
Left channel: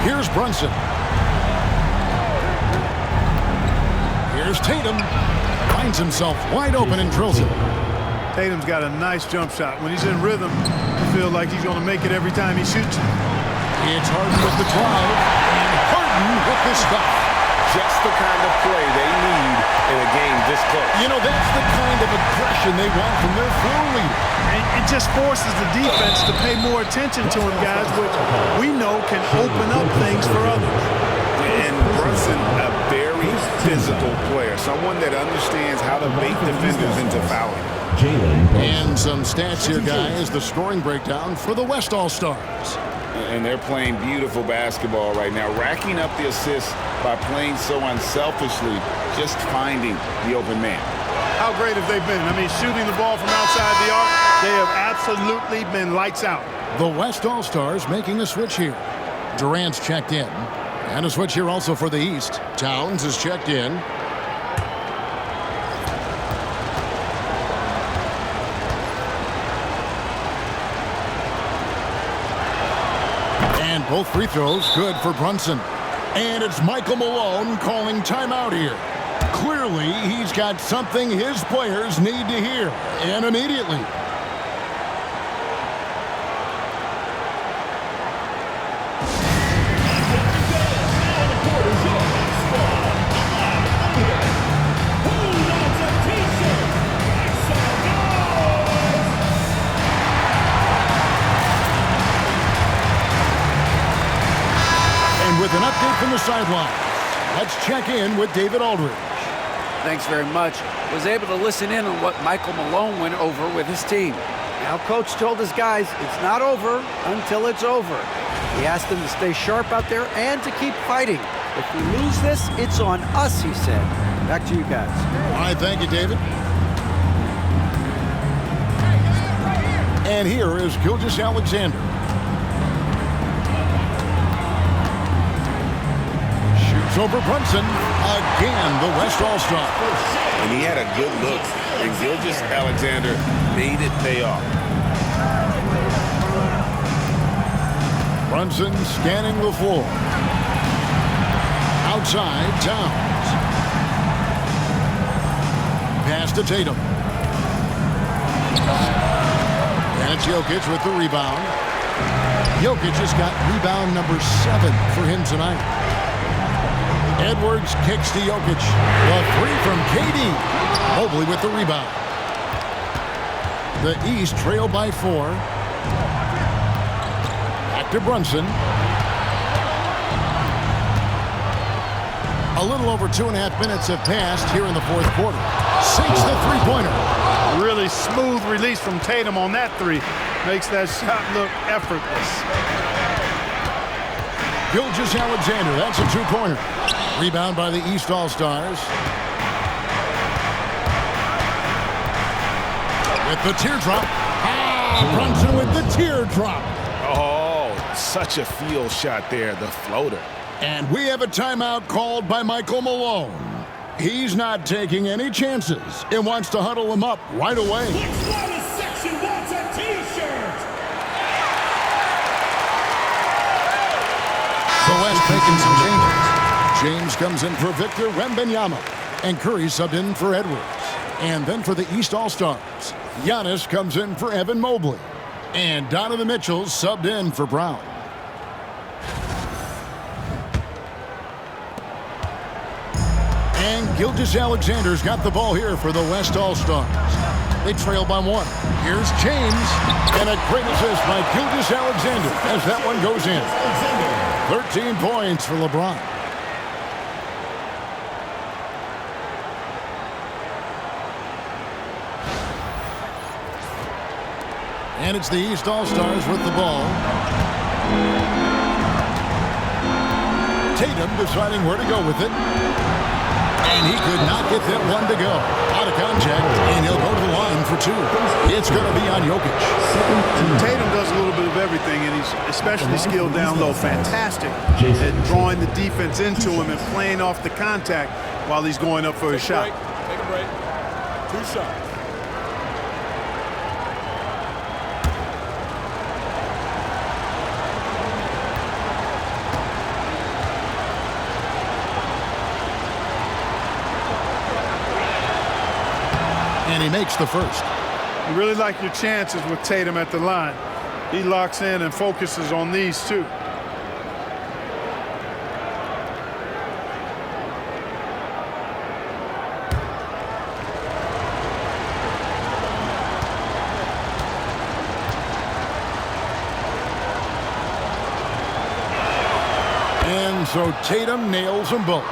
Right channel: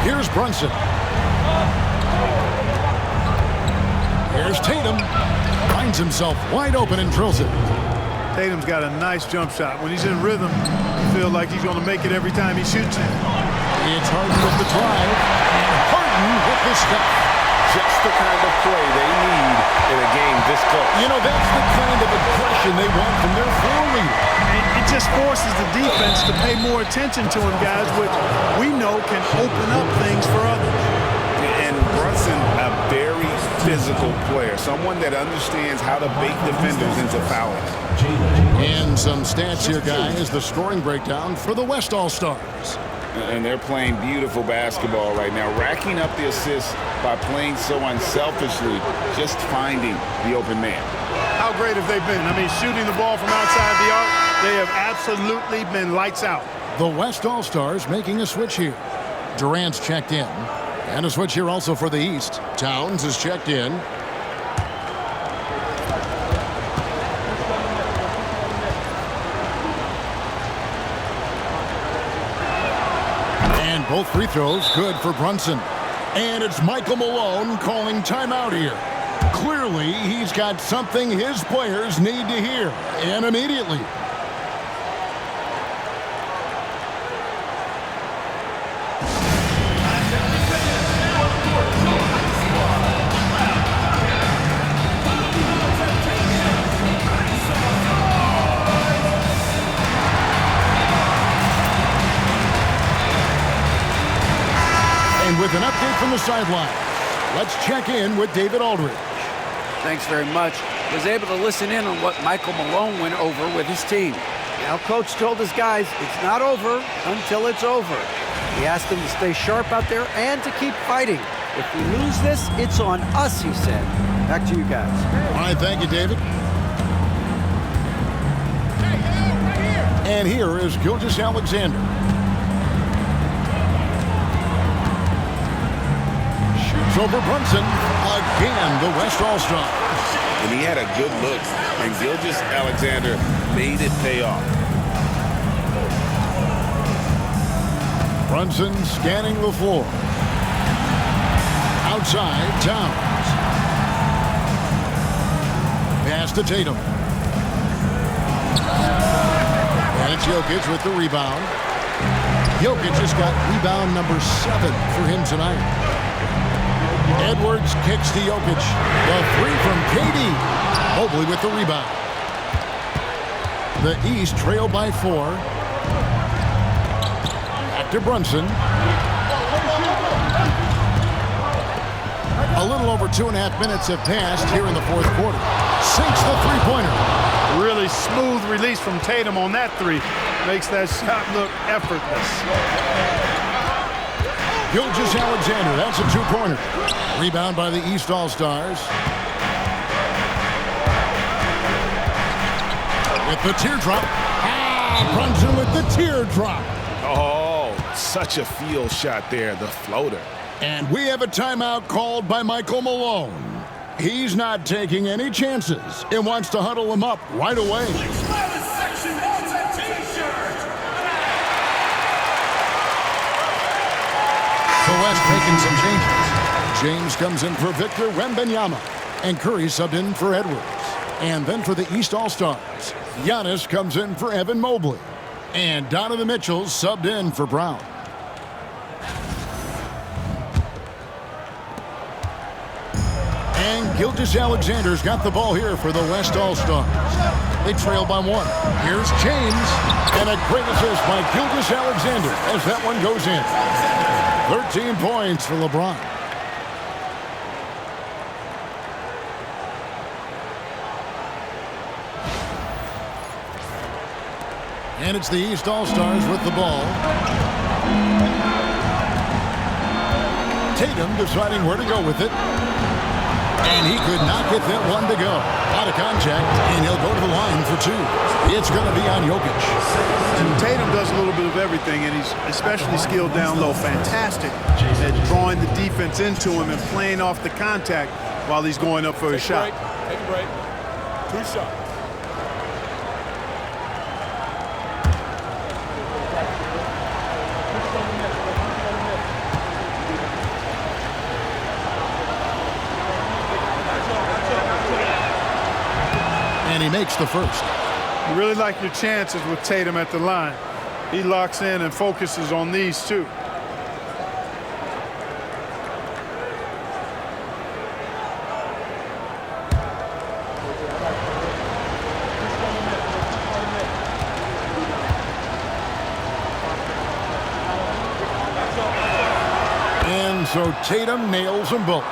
Here's Brunson. Here's Tatum. Finds himself wide open and drills it. Tatum's got a nice jump shot. When he's in rhythm, you feel like he's going to make it every time he shoots it. It's Harden with the drive, and Harden with the stuff. Just the kind of play they need in a game this close. You know, that's the kind of aggression they want from their floor leader. And it just forces the defense to pay more attention to him, guys, which we know can open up things for others. And Brunson, a very physical player, someone that understands how to bait defenders into fouling. And some stats here, guys, the scoring breakdown for the West All-Stars. And they're playing beautiful basketball right now, racking up the assists by playing so unselfishly, just finding the open man. How great have they been? I mean, shooting the ball from outside the arc, they have absolutely been lights out. The West All-Stars making a switch here. Durant's checked in. And a switch here also for the East. Towns is checked in. And both free throws good for Brunson. And it's Michael Malone calling timeout here. Clearly, he's got something his players need to hear, and immediately. And with an update from the sidelines, let's check in with David Aldridge. Thanks very much. Was able to listen in on what Michael Malone went over with his team. Now, Coach told his guys it's not over until it's over. He asked them to stay sharp out there and to keep fighting. If we lose this, it's on us, he said. Back to you guys. All right, thank you, David. And here is Gilgeous-Alexander. Shoots over Brunson. Again, the West All-Star. And he had a good look, and Gilgeous-Alexander made it pay off. Brunson scanning the floor. Outside, Towns. Pass to Tatum. And it's Jokic with the rebound. Jokic just got rebound number 7 for him tonight. Edwards kicks to Jokic. The 3 from KD. Mobley with the rebound. The East trail by 4. Back to Brunson. A little over 2.5 minutes have passed here in the fourth quarter. Sinks the three-pointer. Really smooth release from Tatum on that 3. Makes that shot look effortless. Gilgeous-Alexander, that's a 2-pointer. Rebound by the East All-Stars. With the teardrop. Brunson with the teardrop. Oh, such a field shot there, the floater. And we have a timeout called by Michael Malone. He's not taking any chances and wants to huddle him up right away. Section wants a T-shirt. The West making some changes. James comes in for Victor Wembanyama, and Curry subbed in for Edwards. And then for the East All-Stars, Giannis comes in for Evan Mobley, and Donovan Mitchell subbed in for Brown. And Gilgeous-Alexander's got the ball here for the West All-Stars. They trail by 1. Here's James, and a great assist by Gilgeous-Alexander as that one goes in. 13 points for LeBron. And it's the East All-Stars with the ball. Tatum deciding where to go with it. And he could not get that one to go. Out of contact, and he'll go to the line for 2. It's going to be on Jokic. And Tatum does a little bit of everything, and he's especially skilled down low. Fantastic at drawing the defense into him and playing off the contact while he's going up for his shot. Take a break. 2 shots. And he makes the first. You really like your chances with Tatum at the line. He locks in and focuses on these two. And so Tatum nails them both.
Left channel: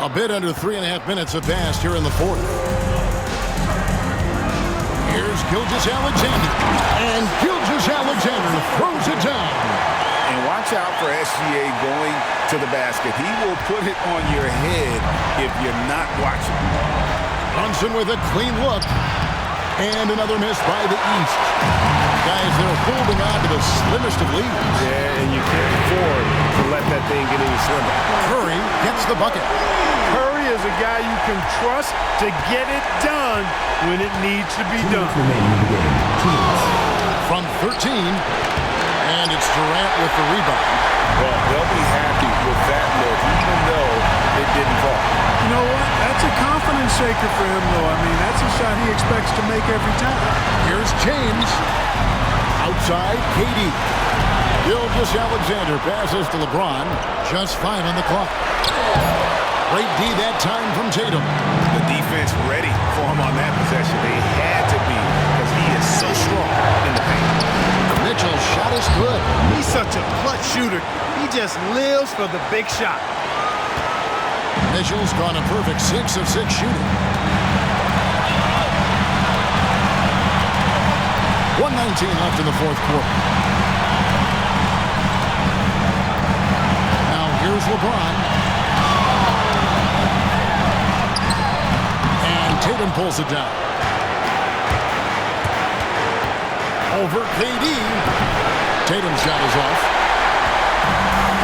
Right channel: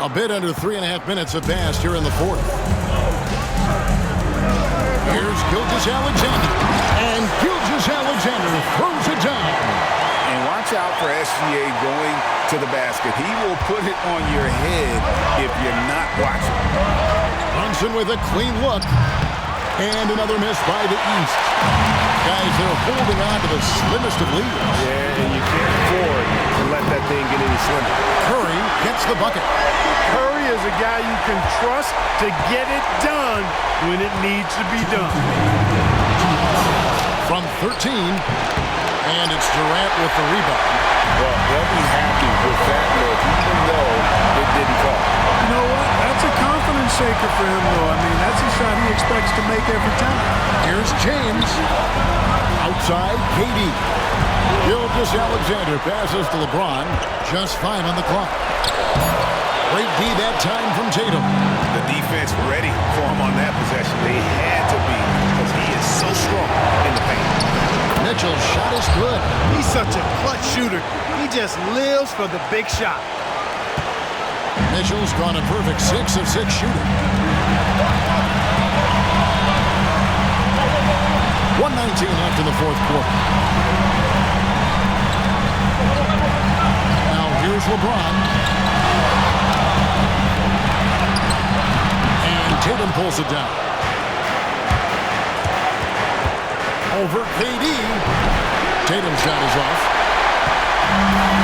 A bit under 3.5 minutes have passed here in the 4th. Here's Gilgeous-Alexander. And Gilgeous-Alexander throws it down. And watch out for SGA going to the basket. He will put it on your head if you're not watching. Brunson with a clean look. And another miss by the East. Guys, they're holding on to the slimmest of leads. Yeah, and you can't afford to let that thing get any slimmer. Curry gets the bucket. Curry is a guy you can trust to get it done when it needs to be done. From 13, and it's Durant with the rebound. Well, they'll be happy with that look, even though it didn't fall. You know what? That's a confidence shaker for him, though. I mean, that's a shot he expects to make every time. Here's James. Outside, KD. Gilgeous-Alexander passes to LeBron. Just 5 on the clock. Great D that time from Tatum. The defense ready for him on that possession. They had to be because he is so strong in the paint. Mitchell's shot is good. He's such a clutch shooter. He just lives for the big shot. Mitchell's gone a perfect 6 of 6 shooting. 1:19 left in the 4th quarter. Now here's LeBron. And Tatum pulls it down. Over KD. Tatum's shot is off.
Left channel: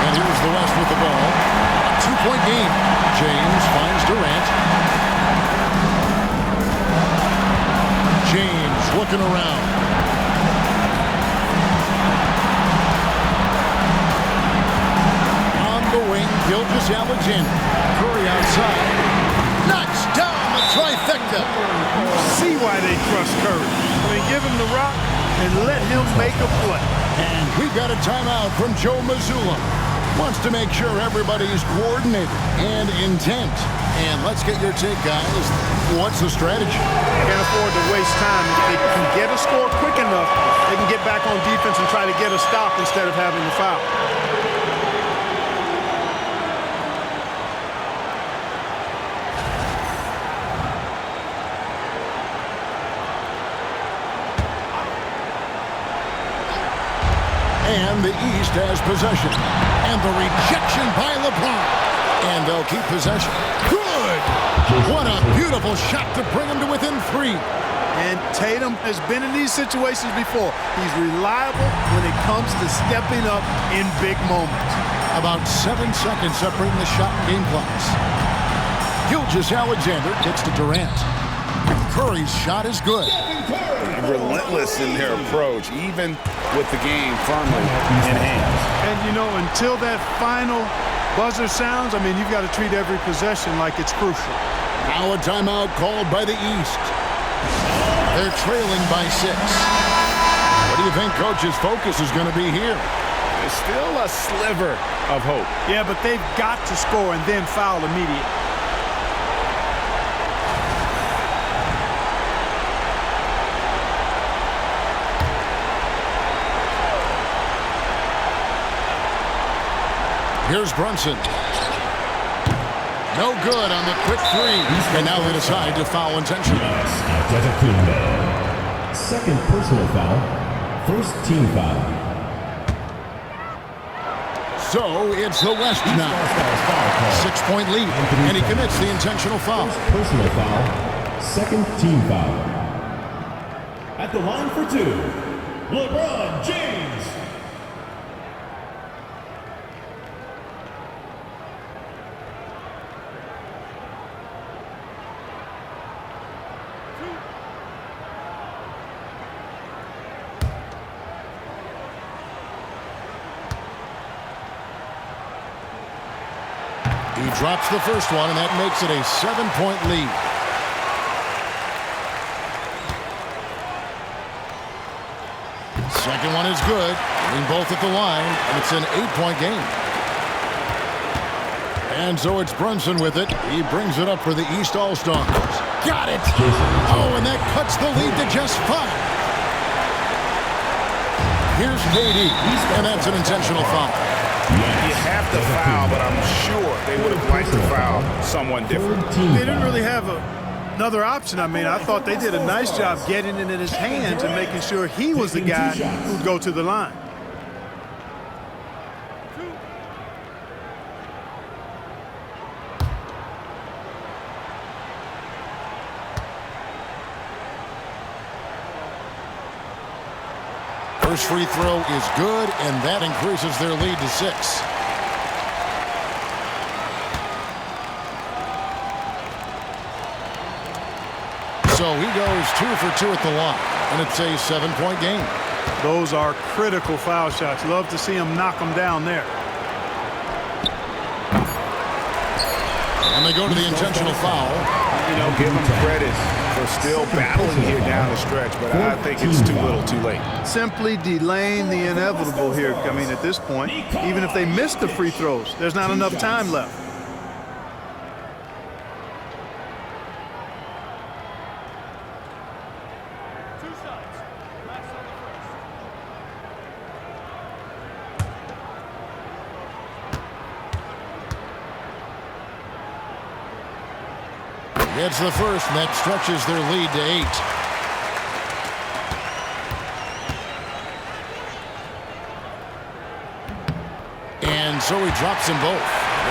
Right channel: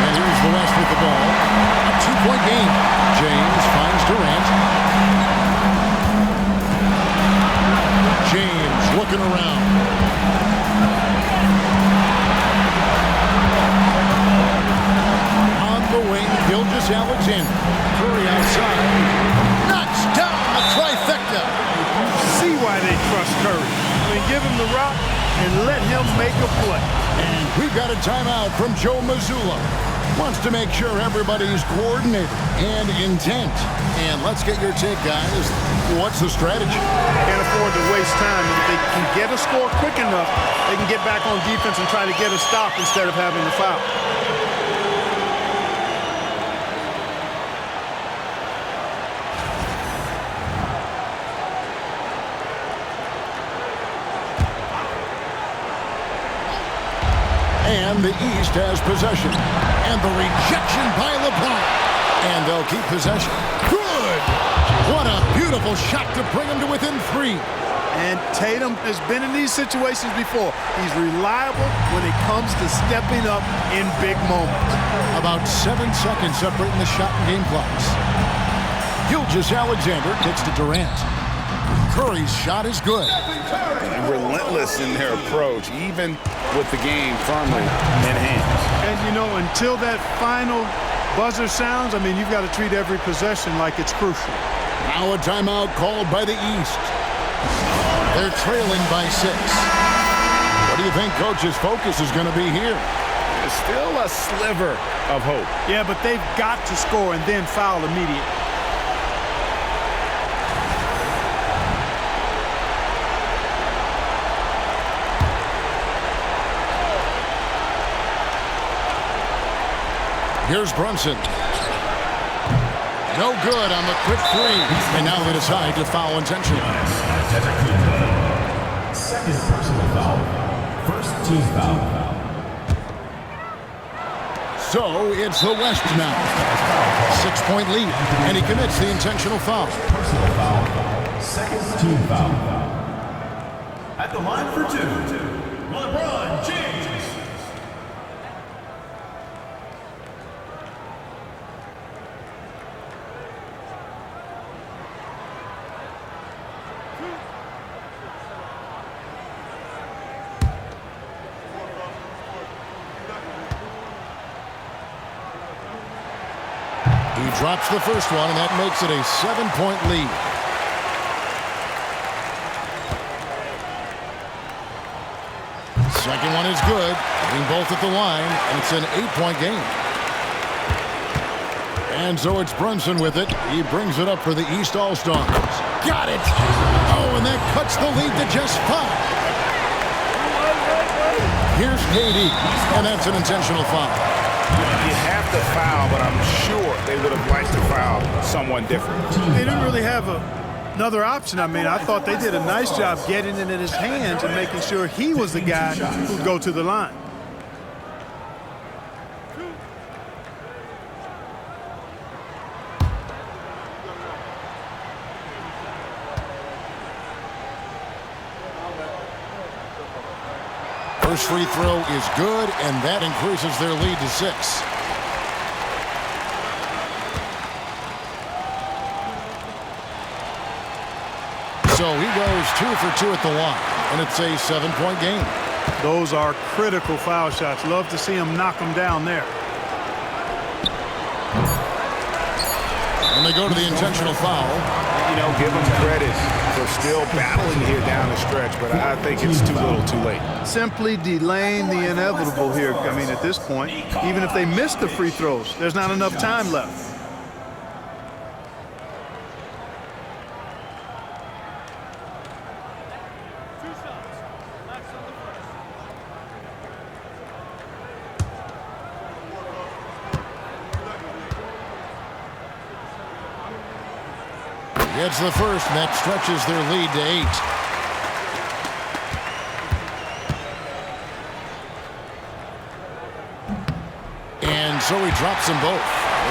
And here's the West with the ball. A 2-point game. James finds Durant. James looking around. On the wing, Gilgeous-Alexander. Curry outside. Knocks down the trifecta. See why they trust Curry. I mean, give him the rock and let him make a play. And we've got a timeout from Joe Mazzulla. Wants to make sure everybody's coordinated and intent. And let's get your take, guys. What's the strategy? Can't afford to waste time. If they can get a score quick enough, they can get back on defense and try to get a stop instead of having to foul. And the East has possession. And the rejection by LeBron. And they'll keep possession. Good! What a beautiful shot to bring them to within 3. And Tatum has been in these situations before. He's reliable when it comes to stepping up in big moments. About 7 seconds separating the shot and game clocks. Gilgeous-Alexander gets to Durant. Curry's shot is good. Relentless in their approach, even with the game firmly in hand. And, you know, until that final buzzer sounds, I mean, you've got to treat every possession like it's crucial. Now a timeout called by the East. They're trailing by 6. What do you think Coach's focus is going to be here? There's still a sliver of hope. Yeah, but they've got to score and then foul immediately. Here's Brunson. No good on the quick 3. And now they decide to foul intentionally. Antetokounmpo. Second personal foul. First team foul. So it's the West now. 6-point lead, and he commits the intentional foul. Personal foul. Second team foul. At the line for two, LeBron James. He drops the first one, and that makes it a 7-point lead. Second one is good, hitting both at the line, and it's an 8-point game. And so it's Brunson with it. He brings it up for the East All-Stars. Got it! Oh, and that cuts the lead to just 5. Here's KD, and that's an intentional foul. You have to foul, but I'm sure they would have liked to foul someone different. They didn't really have another option. I mean, I thought they did a nice job getting it in his hands and making sure he was the guy who'd go to the line. First free throw is good, and that increases their lead to 6. So he goes 2 for 2 at the line, and it's a 7-point game. Those are critical foul shots. Love to see him knock them down there. And they go to the intentional foul. You know, give them credit for still battling here down the stretch, but I think it's too little too late. Simply delaying the inevitable here. I mean, at this point, even if they miss the free throws, there's not enough time left. Gets the first, and that stretches their lead to 8. And so he drops them both.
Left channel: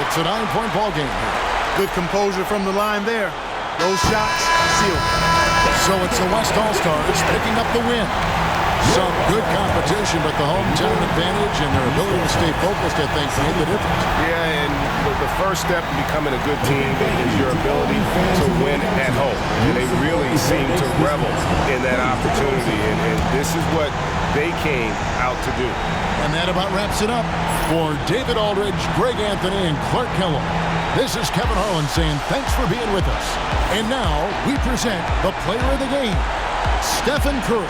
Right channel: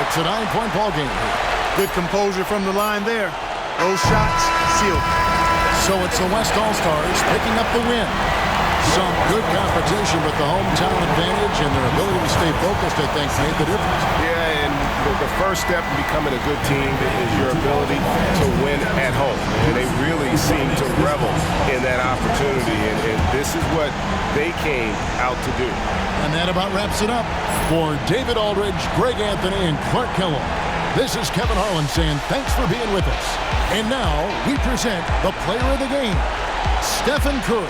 It's a 9-point ball game here. Good composure from the line there. Those shots sealed. So it's the West All-Stars picking up the win. Some good competition, but the hometown advantage and their ability to stay focused, I think, made the difference. Yeah, and the first step in becoming a good team is your ability to win at home. And they really seem to revel in that opportunity, and this is what they came out to do. And that about wraps it up. For David Aldridge, Greg Anthony, and Clark Kellogg, this is Kevin Harlan saying thanks for being with us. And now we present the player of the game, Stephen Curry.